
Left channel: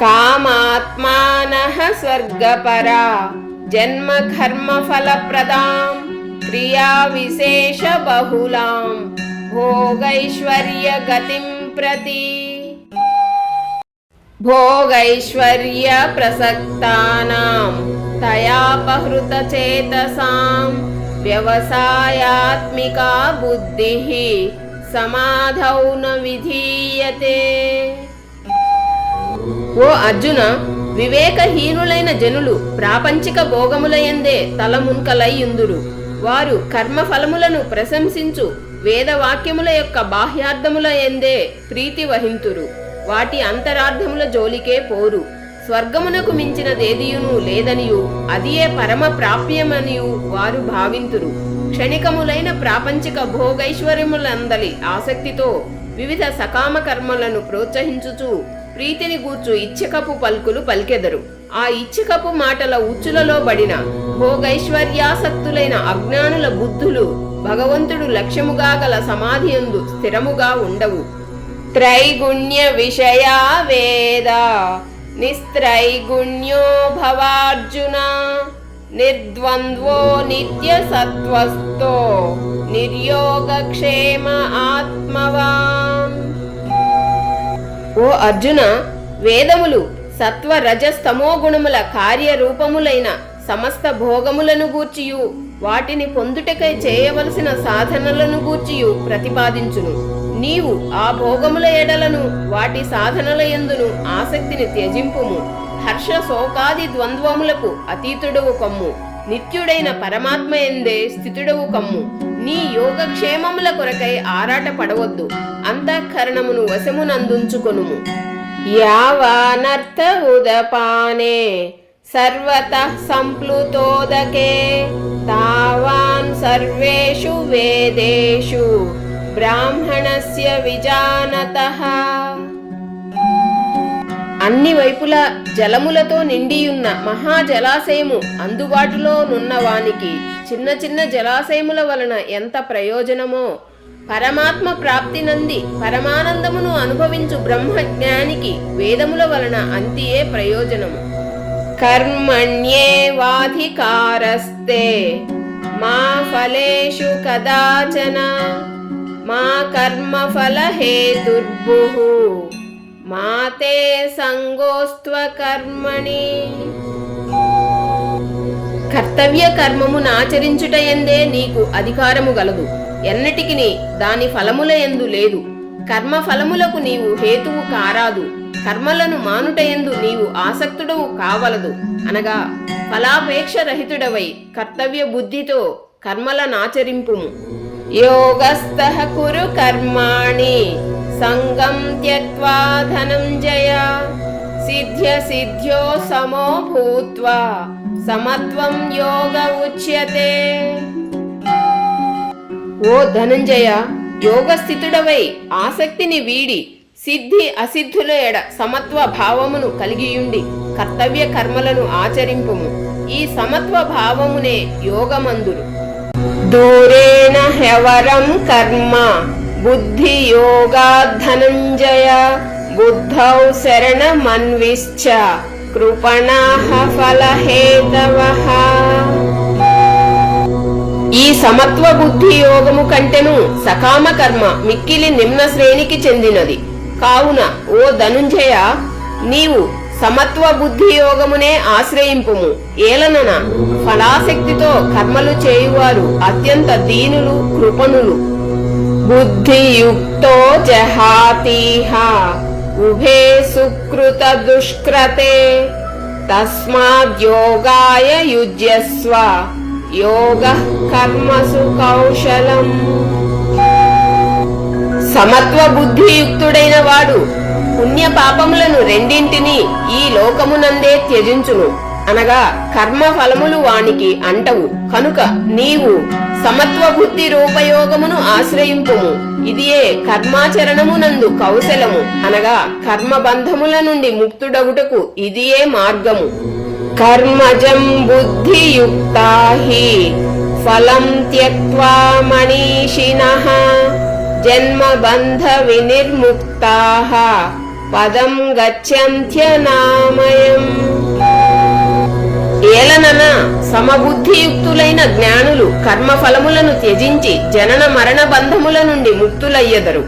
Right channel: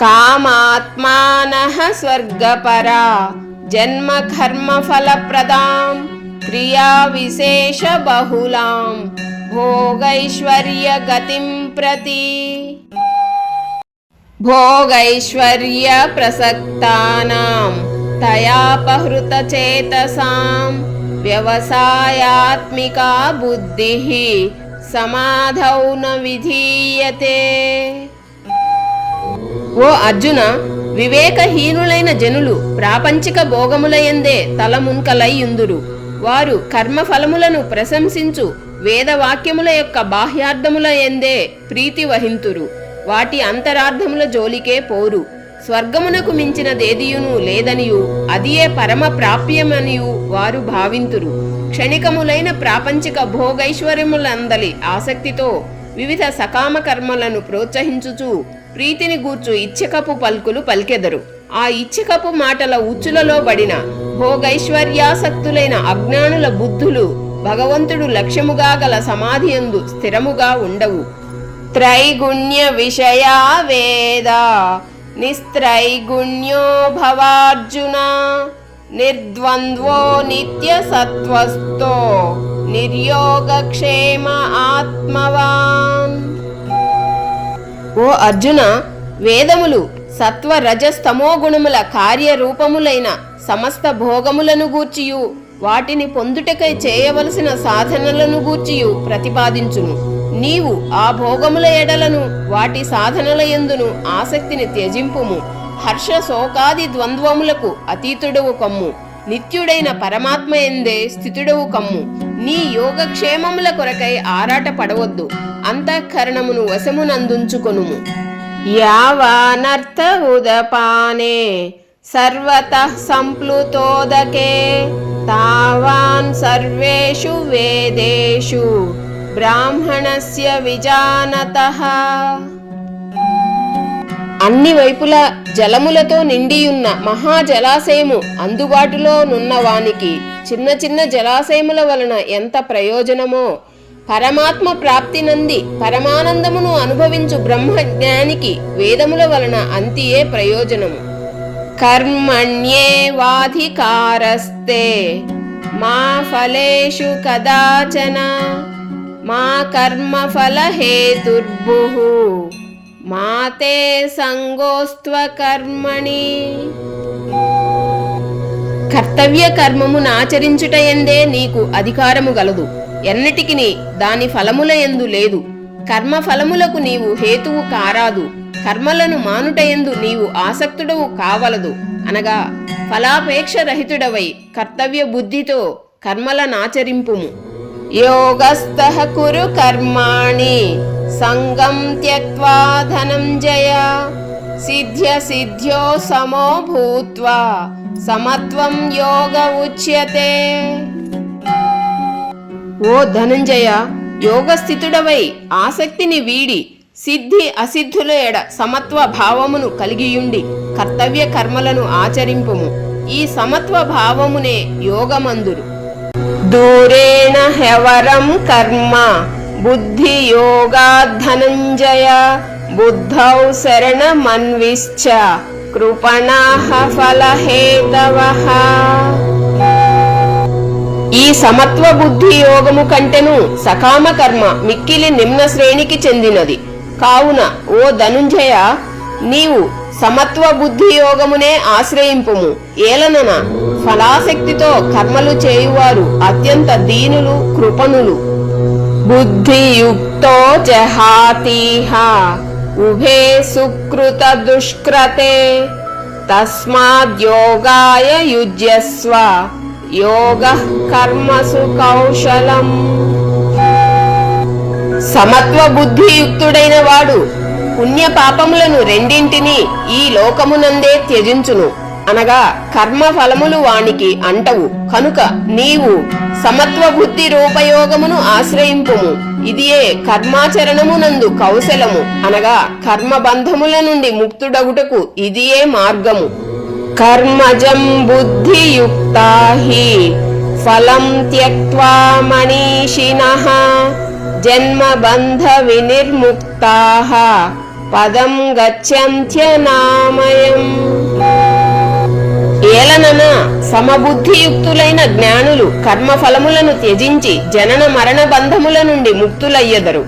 కామాత్మానః స్వర్గపరా జన్మ కర్మ ఫలప్రదాం క్రియా విశేష బహుళాం భోగైశ్వర్య గతిం ప్రతి. భోగైశ్వర్య ప్రసక్తానాం తయాపహృత చేతసాం వ్యవసాయాత్మికా బుద్ధిః సమాధౌ న విధీయతే. ఓ అర్జున, వివేకహీనులైన జనులు ప్రాపంచిక భోగములయందే తలమున్కలయ్యుందురు. వారు కర్మఫలములను ప్రశంసించు వేదవాక్యముల యొక్క బాహ్యార్థముల యందే ప్రీతి వహింతురు. వాటి అంతరార్థముల జోలికే పోరు. స్వర్గమునకు మించినదేదియును లేదనియు అదియే పరమ ప్రాప్యమనియు వారు భావింతురు. క్షణికములైన ప్రాపంచిక భోగైశ్వర్యములందలి ఆసక్తితో వివిధ సకామ కర్మలను ప్రోత్సహించుచు ప్రీతిని గూర్చు ఇచ్చకపు పలుకులు పలికెదరు. ఆ ఇచ్చకపు మాటల ఉచ్చులలో బడిన భోగైశ్వర్యాసక్తులైన అజ్ఞానుల బుద్ధులు భగవంతుడు లక్ష్యముగా గల సమాధియందు స్థిరముగా ఉండవు. త్రైగుణ్య విషయా వేద నిస్త్రైగుణ్యో భవార్జున నిర్ద్వంద్వో నిత్య సత్వస్థో నిర్యోగక్షేమ ఆత్మవాన్. ఓ అర్జున, వేదములు సత్వ రజస్తమో గుణముల కార్యరూపములైన సమస్త భోగములను గూర్చియు వాటిని పొందుటకై చేయవలసిన సాధనలను గూర్చియు ప్రతిపాదించును. నీవు ఆ భోగముల ఎడలను వాటి సాధనల యందును ఆసక్తిని త్యజింపుము. హర్ష శోకాది ద్వంద్వములకు అతీతుడవు కమ్ము. నిత్యుడైన పరమాత్మ యందే స్థితుడవు కమ్ము. నీ యోగక్షేమముల కొరకై ఆరాట పడవద్దు. అంతఃకరణమును వశమునందుంచుకొనుము. యావానర్థ ఉదపానే సర్వతః సంప్లుతోదకే తావాన్ సర్వేషు వేదేషు బ్రాహ్మణస్య విజానతః. అన్ని వైపులా జలములతో నిండియున్న మహాజలాశయము అందుబాటులో నున్నవానికి చిన్న చిన్న జలాశయముల వలన ఎంత ప్రయోజనమో, పరమాత్మ ప్రాప్తి నంది పరమానందమును అనుభవించు బ్రహ్మజ్ఞానికి వేదముల వలన అంతియే ప్రయోజనము. కర్మణ్యేవాధికారస్తే మా ఫలేషు కదాచన మా కర్మఫల హేతుర్భుః మాతే సంగోస్త్వ కర్మణి. కర్తవ్య కర్మమును ఆచరించుటయందే నీకు అధికారము గలదు. ఎన్నటికిని దాని ఫలముల యందు లేదు. కర్మ ఫలములకు నీవు హేతువు కారాదు. కర్మలను మానుటయందు నీవు ఆసక్తుడవు కావలదు. అనగా ఫలాపేక్ష రహితుడవై కర్తవ్య బుద్ధితో కర్మలనాచరింపుము. యోగస్థః కురు కర్మాణి సంగం త్యక్త్వా ధనంజయ సిద్ధ్య సిద్ధ్యో సమో భూత్వా సమత్వం యోగ ఉచ్యతే. ఓ ధనంజయ, యోగస్థితుడవై ఆసక్తిని వీడి సిద్ధి అసిద్ధుల ఎడ సమత్వ భావమును కలిగియుండి కర్తవ్య కర్మలను ఆచరింపుము. ఈ సమత్వ భావమునే యోగమందురు. దూరేణ హ్యవరం కర్మ బుద్ధి యోగాద్ ధనంజయ బుద్ధౌ శరణమన్విశ్చ కృపణాః ఫలహేతవః. ఈ సమత్వ బుద్ధి యోగము కంటెను సకామ కర్మ మిక్కిలి నిమ్న శ్రేణికి చెందినది. కావున ఓ ధనుంజయ, నీవు సమత్వ బుద్ధి యోగమునే ఆశ్రయింపుము. ఏలనన ఫలాసక్తితో కర్మలు చేయువారు అత్యంత దీనులు, కృపణులు. బుద్ధియుక్తో జహాతిహ ఉభే సుకృత దుష్కృతే తస్మాద్యోగాయ యుజ్యస్వ యోగః కర్మసు కౌశలం. సమత్వ బుద్ధియుక్తుడైన వాడు పుణ్య పాపములను రెండింటినీ ఈ లోకమునందే త్యజించును. అనగా కర్మ ఫలములు వానికి అంటవు. కనుక నీవు సమత్వ బుద్ధి రూపయోగమును ఆశ్రయింపుము. ఇదియే కర్మాచరణమునందు కౌశలము. అనగా కర్మ బంధముల నుండి ముక్తుడగుటకు ఇదియే మార్గము. కర్మజం బుద్ధియుక్తా హి ఫలం త్యక్త్వా మనీషిణః జన్మబంధ వినిర్ముక్తాః పదం గచ్చంత్యనామయం. ఏలనన సమబుద్ధియుక్తులైన జ్ఞానులు కర్మఫలములను త్యజించి జనన మరణ బంధముల నుండి ముక్తులయ్యెదరు.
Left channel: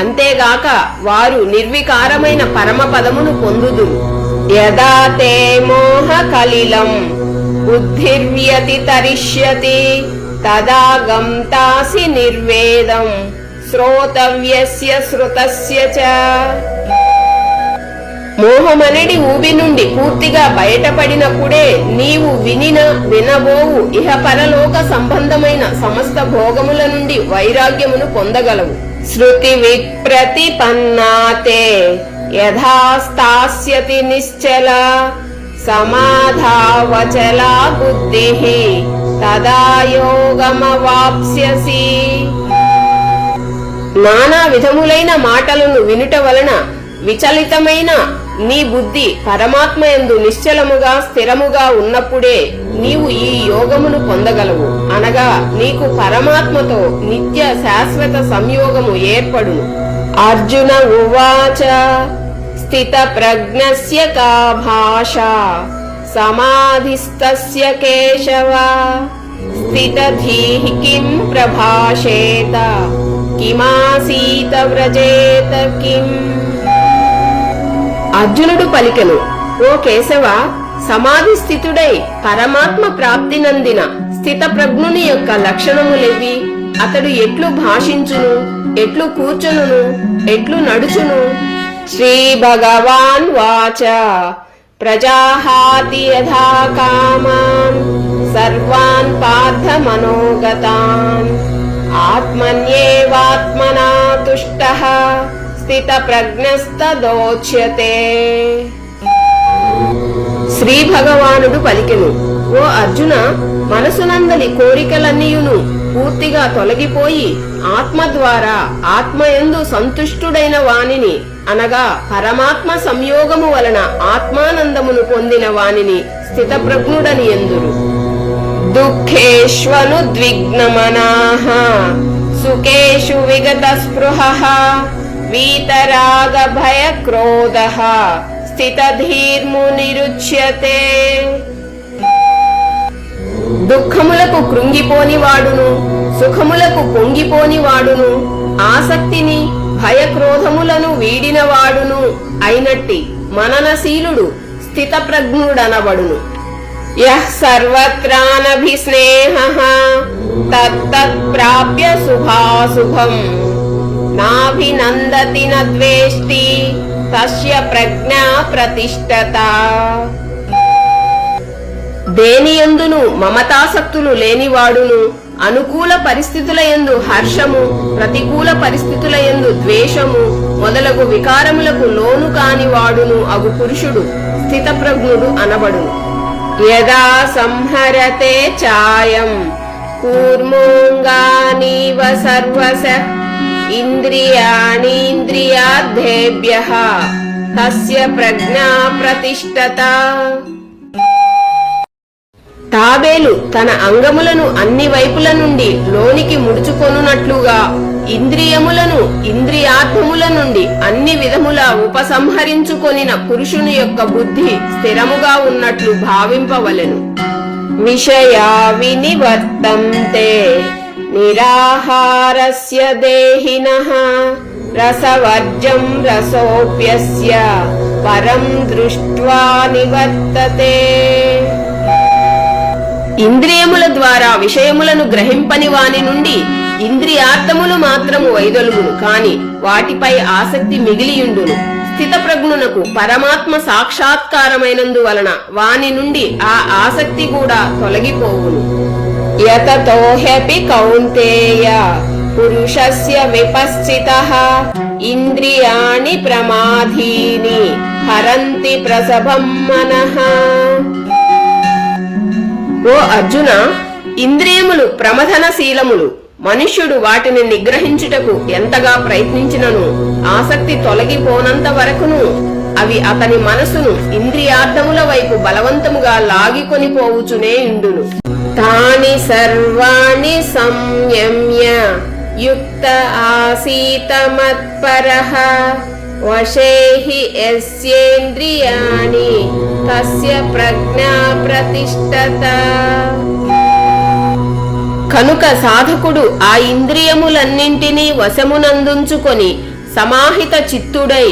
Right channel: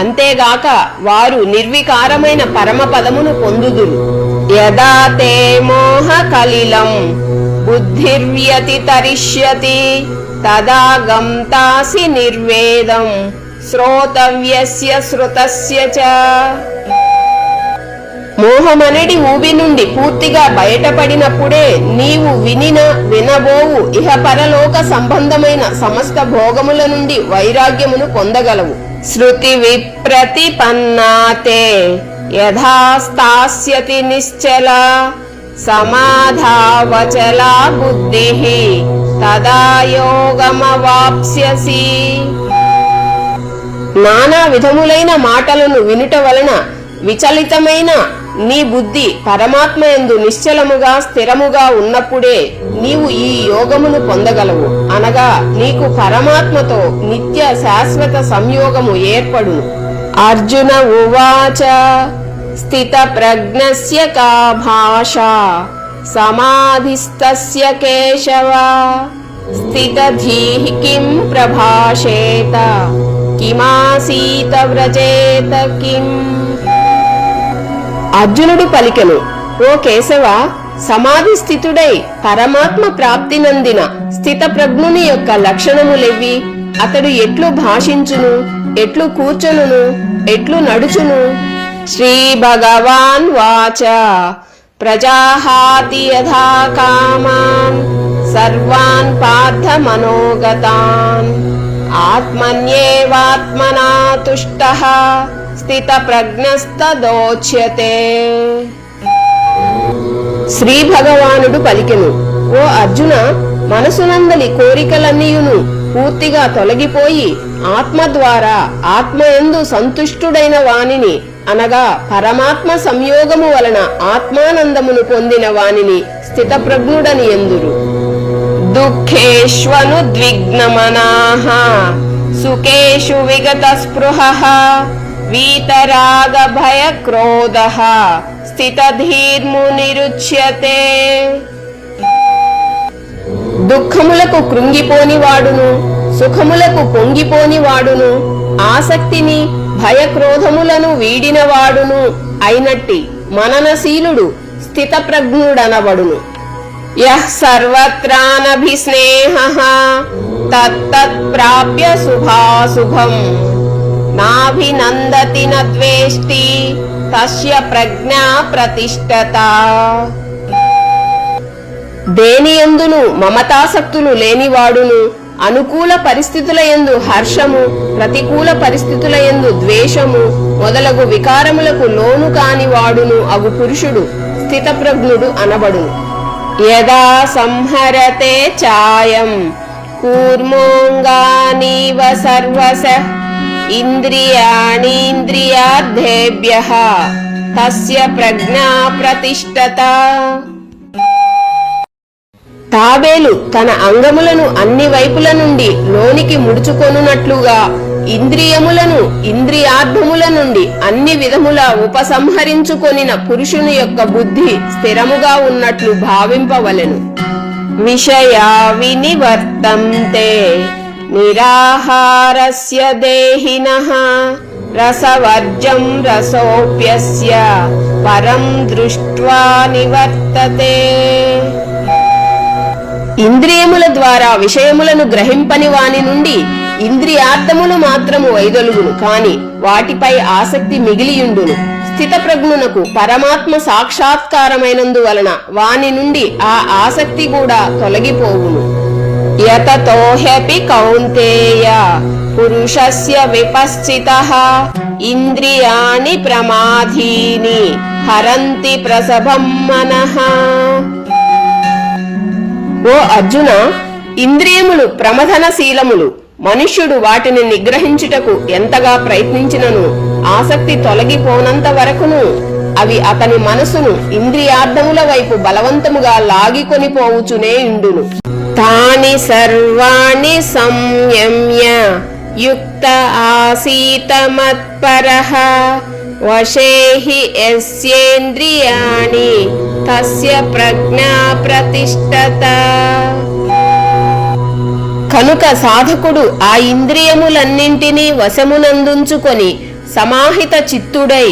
అంతేగాక వారు నిర్వికారమైన పరమ పదమును పొందుదురు. యదా తే మోహ కలిలం బుద్ధిర్వ్యతితరిష్యతి తదా గంతాసి నిర్వేదం శ్రోతవ్యస్య శ్రుతస్య చ. మోహమనడి ఊబి నుండి పూర్తిగా బయటపడినప్పుడే నీవు వినబోవు ఇహ పరలోక సంబంధమైన సమస్త భోగముల నుండి వైరాగ్యమును పొందగలవు. శృతి విప్రతిపన్నాతే యథా స్థాస్యతి నిశ్చల సమాధావచలా బుద్ధిః తదా యోగమవాప్స్యసి. నానా విధములైన మాటలను వినుట వలన విచలితమైన నీ బుద్ధి పరమాత్మ యందు నిశ్చలముగా స్థిరముగా ఉన్నప్పుడే నీవు ఈ యోగమును పొందగలవు. అనగా నీకు పరమాత్మతో నిత్య శాశ్వత సంయోగము ఏర్పడును. అర్జున ఉవాచ స్థిత ప్రజ్ఞస్య కా భాషా సమాధిస్తస్య కేశవ స్థితధీః కిం ప్రభాషేత కిమాసీత వ్రజేత కిం. అర్జునుడు పలికెను, ఓ కేశవ, సమాధి స్థితుడై పరమాత్మ ప్రాప్తి నందిన స్థిత ప్రజ్ఞుని యొక్క లక్షణములేవి? అతడు ఎట్లు భాషించును, ఎట్లు కూర్చును, ఎట్లు నడుచును? శ్రీ భగవాన్ వాచ ప్రజాహాతి యథా కామాన్ సర్వాన్ పార్థ మనోగతాన్ ఆత్మన్యేవాత్మనా తుష్టః స్థిత ప్రజ్ఞస్తదోచ్యతే. శ్రీ భగవానుడు పలికెను, ఓ అర్జున, మనసునందలి కోరికలన్నీయును పూర్తిగా తొలగిపోయి ఆత్మ ద్వారా ఆత్మయందు సంతుష్టుడైన వానిని, అనగా పరమాత్మ సంయోగము వలన ఆత్మానందమును పొందిన వానిని స్థితప్రజ్ఞుడను ఎందురు. దుఃఖేష్వనుద్విగ్నమనాః సుఖేషు విగత స్పృహః వీతరాగ భయ క్రోధః స్థితధీర్మునిరుచ్యతే. దుఃఖములకు కృంగిపోని వాడును, సుఖములకు పొంగిపోని వాడును, ఆసక్తిని భయక్రోధములను వీడినవాడును అయినట్టి మననశీలుడు స్థితప్రజ్ఞుడనబడును. యః సర్వత్రానభిస్నేహః తత్తత్ ప్రాప్య శుభాశుభం నాభినందతి నద్వేష్టి తస్య ప్రజ్ఞా ప్రతిష్ఠత. దేనియందును మమతాసక్తులు లేనివాడును, అనుకూల పరిస్థితులయందు హర్షము, ప్రతికూల పరిస్థితులయందు ద్వేషము మొదలగు వికారములకు లోను కాని వాడును అగు పురుషుడు స్థితప్రజ్ఞుడు అనబడును. యదా సంహరతే చాయం కూర్మోంగానీవ సర్వశః ఇంద్రియాణీంద్రియార్థేభ్యః తస్య ప్రజ్ఞా ప్రతిష్ఠత. తాబేలు తన అంగములను అన్ని వైపుల నుండి లోనికి ముడుచుకొనున్నట్లుగా ఇంద్రియములను ఇంద్రియార్థముల నుండి అన్ని విధముల ఉపసంహరించుకొనిన పురుషుని యొక్క బుద్ధి స్థిరముగా ఉన్నట్లు భావింపవలెను. విషయా వినివర్తంతే నిరాహారస్య దేహినః రసవర్జం రసోప్యస్య పరం దృష్ట్వా నివర్తతే. ఇంద్రియముల ద్వారా విషయములను గ్రహింపని వాని నుండి ఇంద్రియార్థములు మాత్రము వైదొలుగును, కాని వాటిపై ఆసక్తి మిగిలియుండును. స్థితప్రజ్ఞునకు పరమాత్మ సాక్షాత్కారమైనందువలన వాని నుండి ఆ ఆసక్తి కూడా తొలగిపోవును. యతతో హ్యపి కౌంతేయ పురుషస్య విపశ్చితః ఇంద్రియాణి ప్రమాధీని హరంతి ప్రసభం మనః. ఓ అర్జున, ఇంద్రియములు ప్రమథనశీలములు. మనుష్యుడు వాటిని నిగ్రహించుటకు ఎంతగా ప్రయత్నించినను ఆసక్తి తొలగిపోనంత వరకును అవి అతని మనసును ఇంద్రియార్థముల వైపు బలవంతముగా లాగికొని పోవుచునే ఇండును. తాని సర్వాణి సంయమ్య యుక్త ఆసీత మత్పరః వశేహి యస్యేంద్రియాణి తస్య ప్రజ్ఞా ప్రతిష్ఠత. కనుక సాధకుడు ఆ ఇంద్రియములన్నింటినీ వశమునందుంచుకొని సమాహిత చిత్తుడై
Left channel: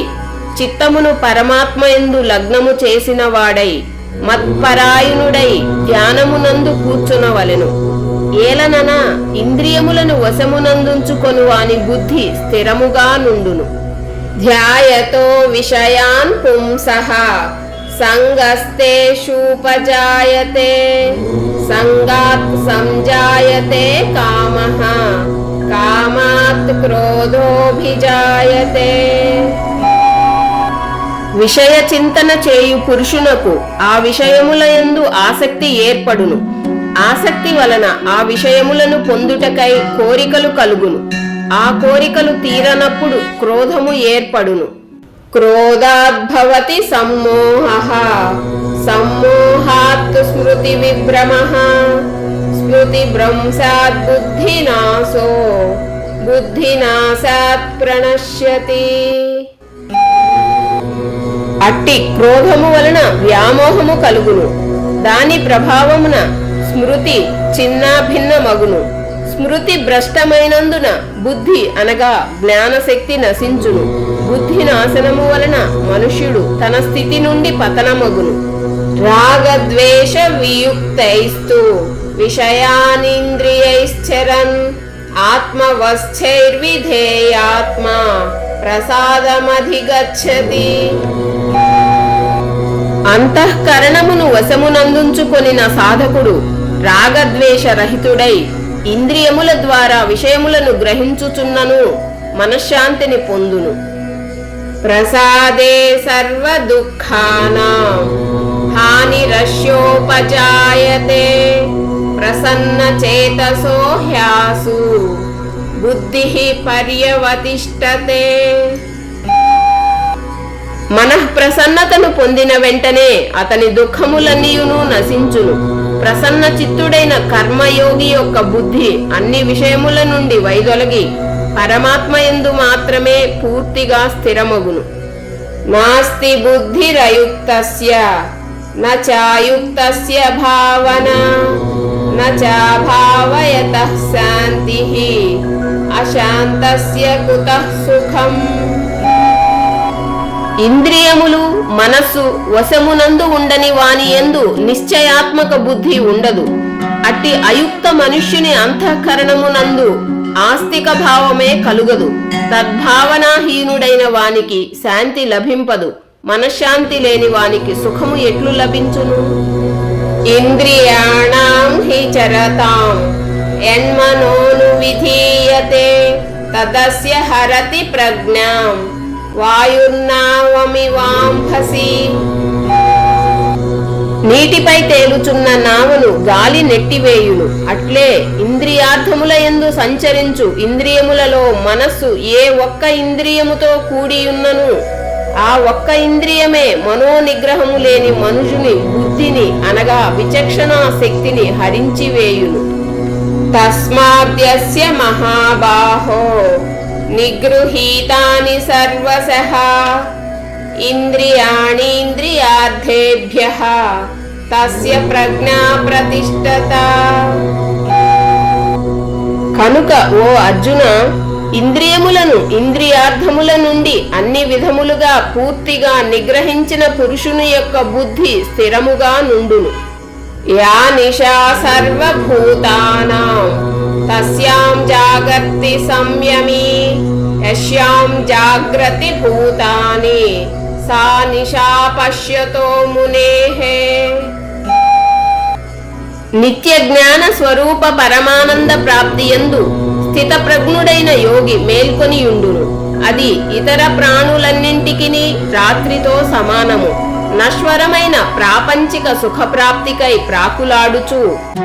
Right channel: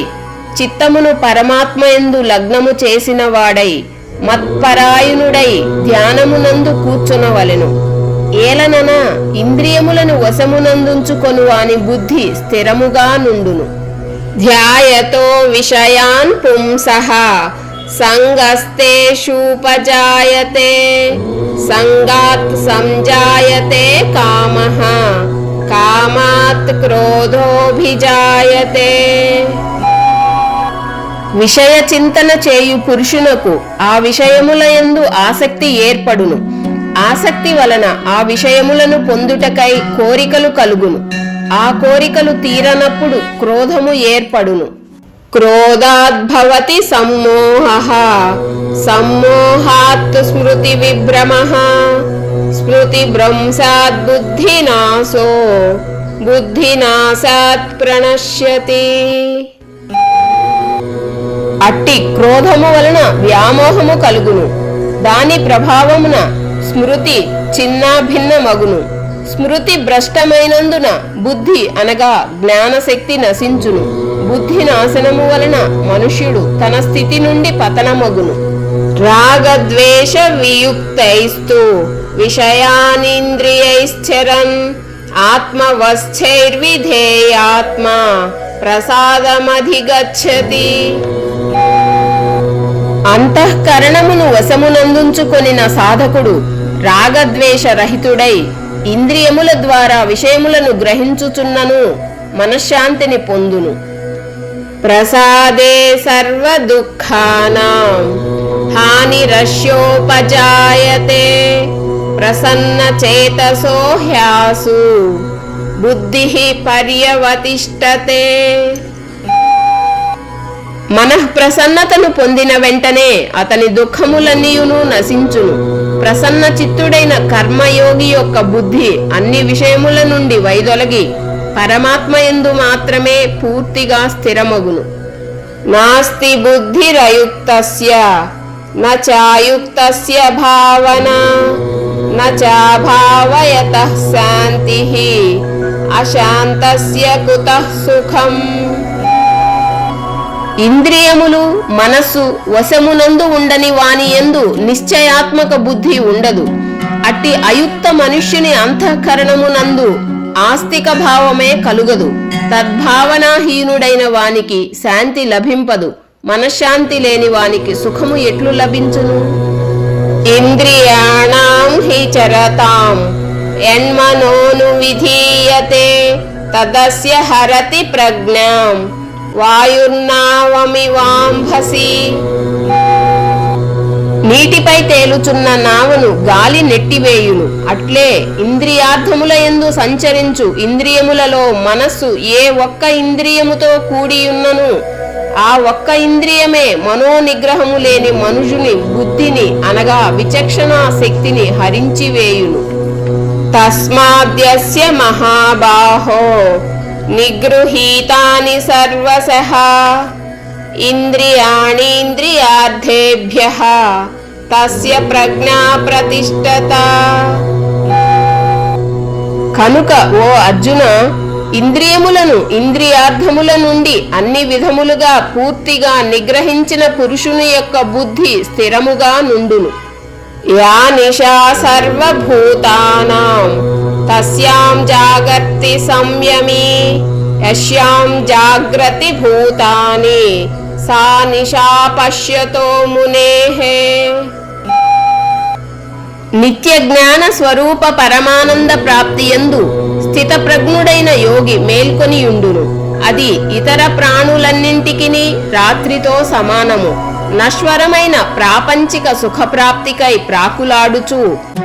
చిత్తమును పరమాత్మయందు లగ్నము చేసిన వాడై మత్పరాయణుడై ధ్యానమునందు కూర్చునవలెను. ఏలనన ఇంద్రియములను వశమునందుంచుకొను వాని బుద్ధి స్థిరముగా నుండును. ధ్యాయతో విషయాన్ పుంసః సంగస్తేషూపజాయతే సంగాత్ సంజాయతే కామః కామాత్ క్రోధోభిజాయతే. విషయ చింతన చేయు పురుషునకు ఆ విషయములయందు ఆసక్తి ఏర్పడును. ఆసక్తి వలన ఆ విషయములను పొందుటకై కోరికలు కలుగును. ఆ కోరికలు తీరనప్పుడు క్రోధము ఏర్పడును. క్రోధాద్భవతి సమ్మోహః సమ్మోహాత్ స్మృతి విభ్రమః స్మృతి భ్రంశాత్ బుద్ధినాశో బుద్ధినాశాత్ ప్రణశ్యతి. అట్టి క్రోధము వలన వ్యామోహము కలుగును. దాని ప్రభావమున స్మృతి చిన్నాభిన్నమగును. స్మృతి భ్రష్టమైనందున బుద్ధి అనగా జ్ఞానశక్తి నశించును. బుద్ధి నాశనము వలన మనుష్యుడు తన స్థితి నుండి పతనమగును. రాగద్వేష వియుక్తైస్తు విషయానింద్రియైశ్చరన్ ఆత్మవశ్చైర్విధేయాత్మా ప్రసాదమధిగచ్చతి. అంతఃకరణమును వశమునందుంచుకొనిన సాధకుడు రాగద్వేష రహితుడై ఇంద్రియముల ద్వారా విషయములను గ్రహించుచున్నను మనశ్శాంతిని పొందును. ప్రసాదే సర్వ దుఃఖానాం హానిరస్యోపజాయతే ప్రసన్న చేతసో హ్యాసు బుద్ధిః పర్యవతిష్ఠతే. మనఃప్రసన్నతను పొందిన వెంటనే అతని దుఃఖములన్నీయును నశించును. ప్రసన్న చిత్తుడైన కర్మయోగి యొక్క బుద్ధి అన్ని విషయముల నుండి వైదొలగి పరమాత్మయందు మాత్రమే పూర్తిగా స్థిరమగును. నాస్తి బుద్ధిరయుక్తస్య నాయుక్తస్య భావన నాభావయతః శాంతిః అశాంతస్య కుతః సుఖం. ఇంద్రియములు మనస్సు వశమునందు ఉండని వాని యందు నిశ్చయాత్మక బుద్ధి ఉండదు. అట్టి అయుక్త మనుష్యుని అంతఃకరణమునందు ఆస్తిక భావమే కలుగదు. తద్భావనాహీనుడైన వానికి శాంతి లభింపదు. మనశ్శాంతి లేని వానికి సుఖము ఎట్లు లభించును? ఇంద్రియాణాం హి చరతాం యన్మనోను విధీయతే తదస్య హరతి ప్రజ్ఞాం వాయుర్నావమివాంభసి. నీటిపై తేలుచున్న నావను గాలి నెట్టివేయును. అట్లే ఇంద్రియార్థముల యందు సంచరించు ఇంద్రియములలో మనస్సు ఏ ఒక్క ఇంద్రియముతో కూడియున్నను ఆ ఒక్క ఇంద్రియమే మనోనిగ్రహము లేని మనుషుని బుద్ధిని అనగా విచక్షణా శక్తిని హరించివేయును. తస్మాద్యస్య మహాబాహో నిగృహీతాని సర్వశః ఇంద్రియాణీంద్రియార్థేభ్యః తస్య ప్రజ్ఞా ప్రతిష్ఠత. కనుక ఓ అర్జున, ఇంద్రియములను ఇంద్రియార్థముల నుండి అన్ని విధములుగా పూర్తిగా నిగ్రహించిన పురుషుని యొక్క బుద్ధి స్థిరముగా నుండును. యా నిశా సర్వభూతానాం తస్యాం జాగర్తి సంయమీ యస్యాం జాగ్రతి భూతాని సా నిశా పశ్యతో మునేః. నిత్య జ్ఞాన స్వరూప పరమానంద ప్రాప్తియందు స్థిత ప్రజ్ఞుడైన యోగి మేల్కొనియుండును. అది ఇతర ప్రాణులన్నింటికిని రాత్రితో సమానము. నశ్వరమైన ప్రాపంచిక సుఖప్రాప్తికై ప్రాకులాడుచు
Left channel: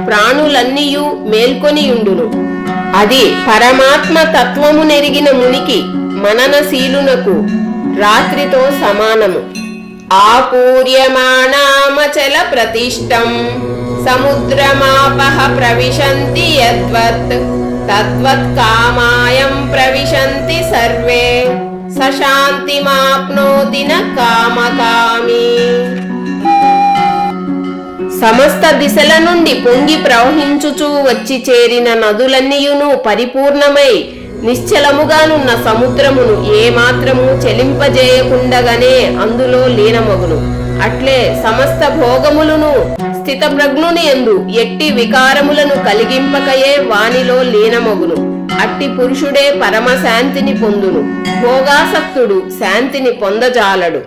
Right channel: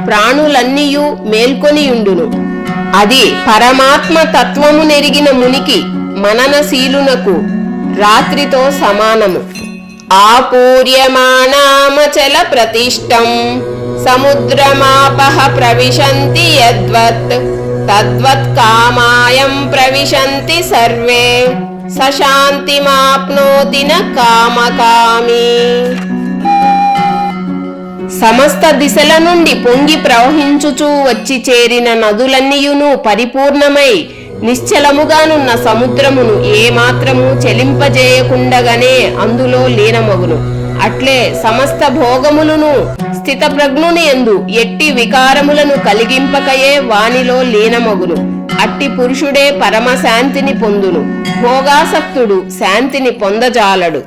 ప్రాణులన్నీయు మేల్కొనియుండును. అది పరమాత్మ తత్వము నెరిగిన మునికి మననశీలునకు రాత్రితో సమానము. ఆపూర్యమాణామచల ప్రతిష్టం సముద్రమాపః ప్రవిశంతి యద్వత్ తద్వత్ కామాయం ప్రవిశంతి సర్వే సశాంతిమాప్నోతి న కామకామి. సమస్త దిశల నుండి పొంగి ప్రవహించుచూ వచ్చి చేరిన నదులన్నీయును పరిపూర్ణమై నిశ్చలముగానున్న సముద్రమును ఏమాత్రము చెలింపజేయకుండగానే అందులో లీనమగును. అట్లే సమస్త భోగములను స్థిత ప్రజ్ఞుని యందు ఎట్టి వికారములను కలిగింపకయే వానిలో లీనమగును. అట్టి పురుషుడే పరమశాంతిని పొందును. భోగాసక్తుడు శాంతిని పొందజాలడు.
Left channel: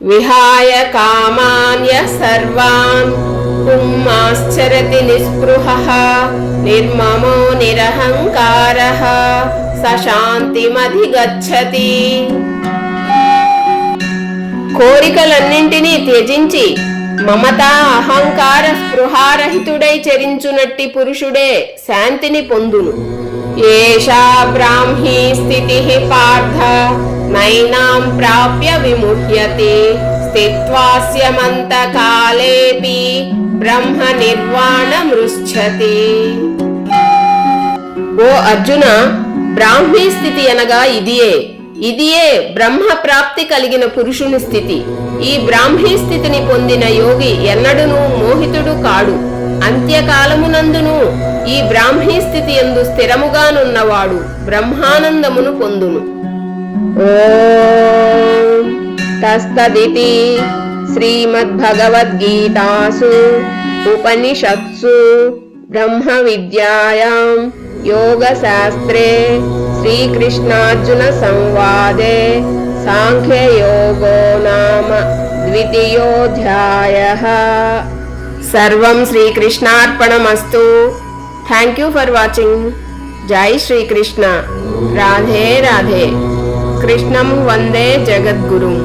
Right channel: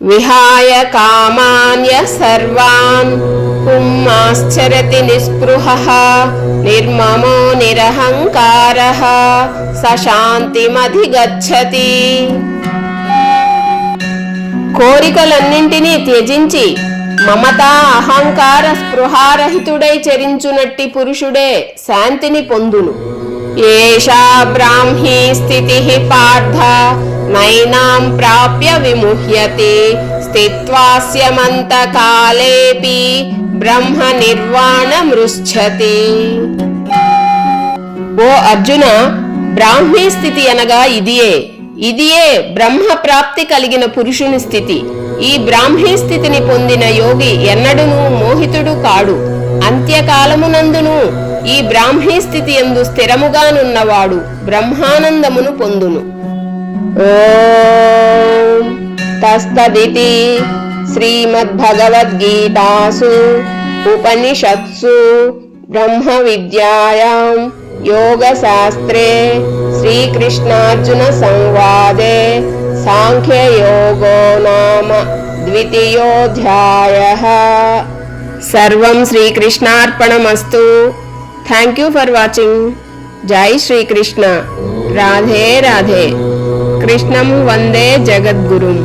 విహాయ కామాన్య సర్వాన్ పుంమాశ్చరతి నిస్పృహః నిర్మమో నిరహంకారః సశాంతిమధిగచ్చతి. కోరికలన్నింటినీ త్యజించి మమత అహంకార స్పృహారహితుడై చరించునట్టి పురుషుడే శాంతిని పొందును. ఏషా బ్రాహ్మీ స్థితిః పార్థ నైనాం ప్రాప్య విముహ్యతి స్థిత్వాస్యమంతకాలేపి బ్రహ్మ నిర్వాణమృచ్ఛతి. ఓ అర్జున, బ్రాహ్మీ స్థితి అనగా ఇదియే బ్రహ్మ ప్రాప్తి కలిగిన పురుషుని స్థితి. ఈ బ్రాహ్మీ స్థితిని పొందిన యోగి ఎన్నడూను మోహితుడు కాడు. అంత్యకాలమునందును ఈ బ్రాహ్మీ స్థితి యందు స్థిరముగానున్నవాడు బ్రహ్మానందమును పొందును. ఓం తస్తదితి శ్రీమద్భగవద్గీతాసు ఉపనిషత్సు బ్రహ్మ విద్యాయాం యోగశాస్త్రే శ్రీకృష్ణార్జున సంవాదే సాంఖ్యయోగో నామ ద్వితీయోధ్యాయః. సర్వం శ్రీకృష్ణార్పణమస్తు. Thank you for watching. జై శ్రీకృష్ణ. రాధే రాధే. కృష్ణం వందే జగద్గురుం.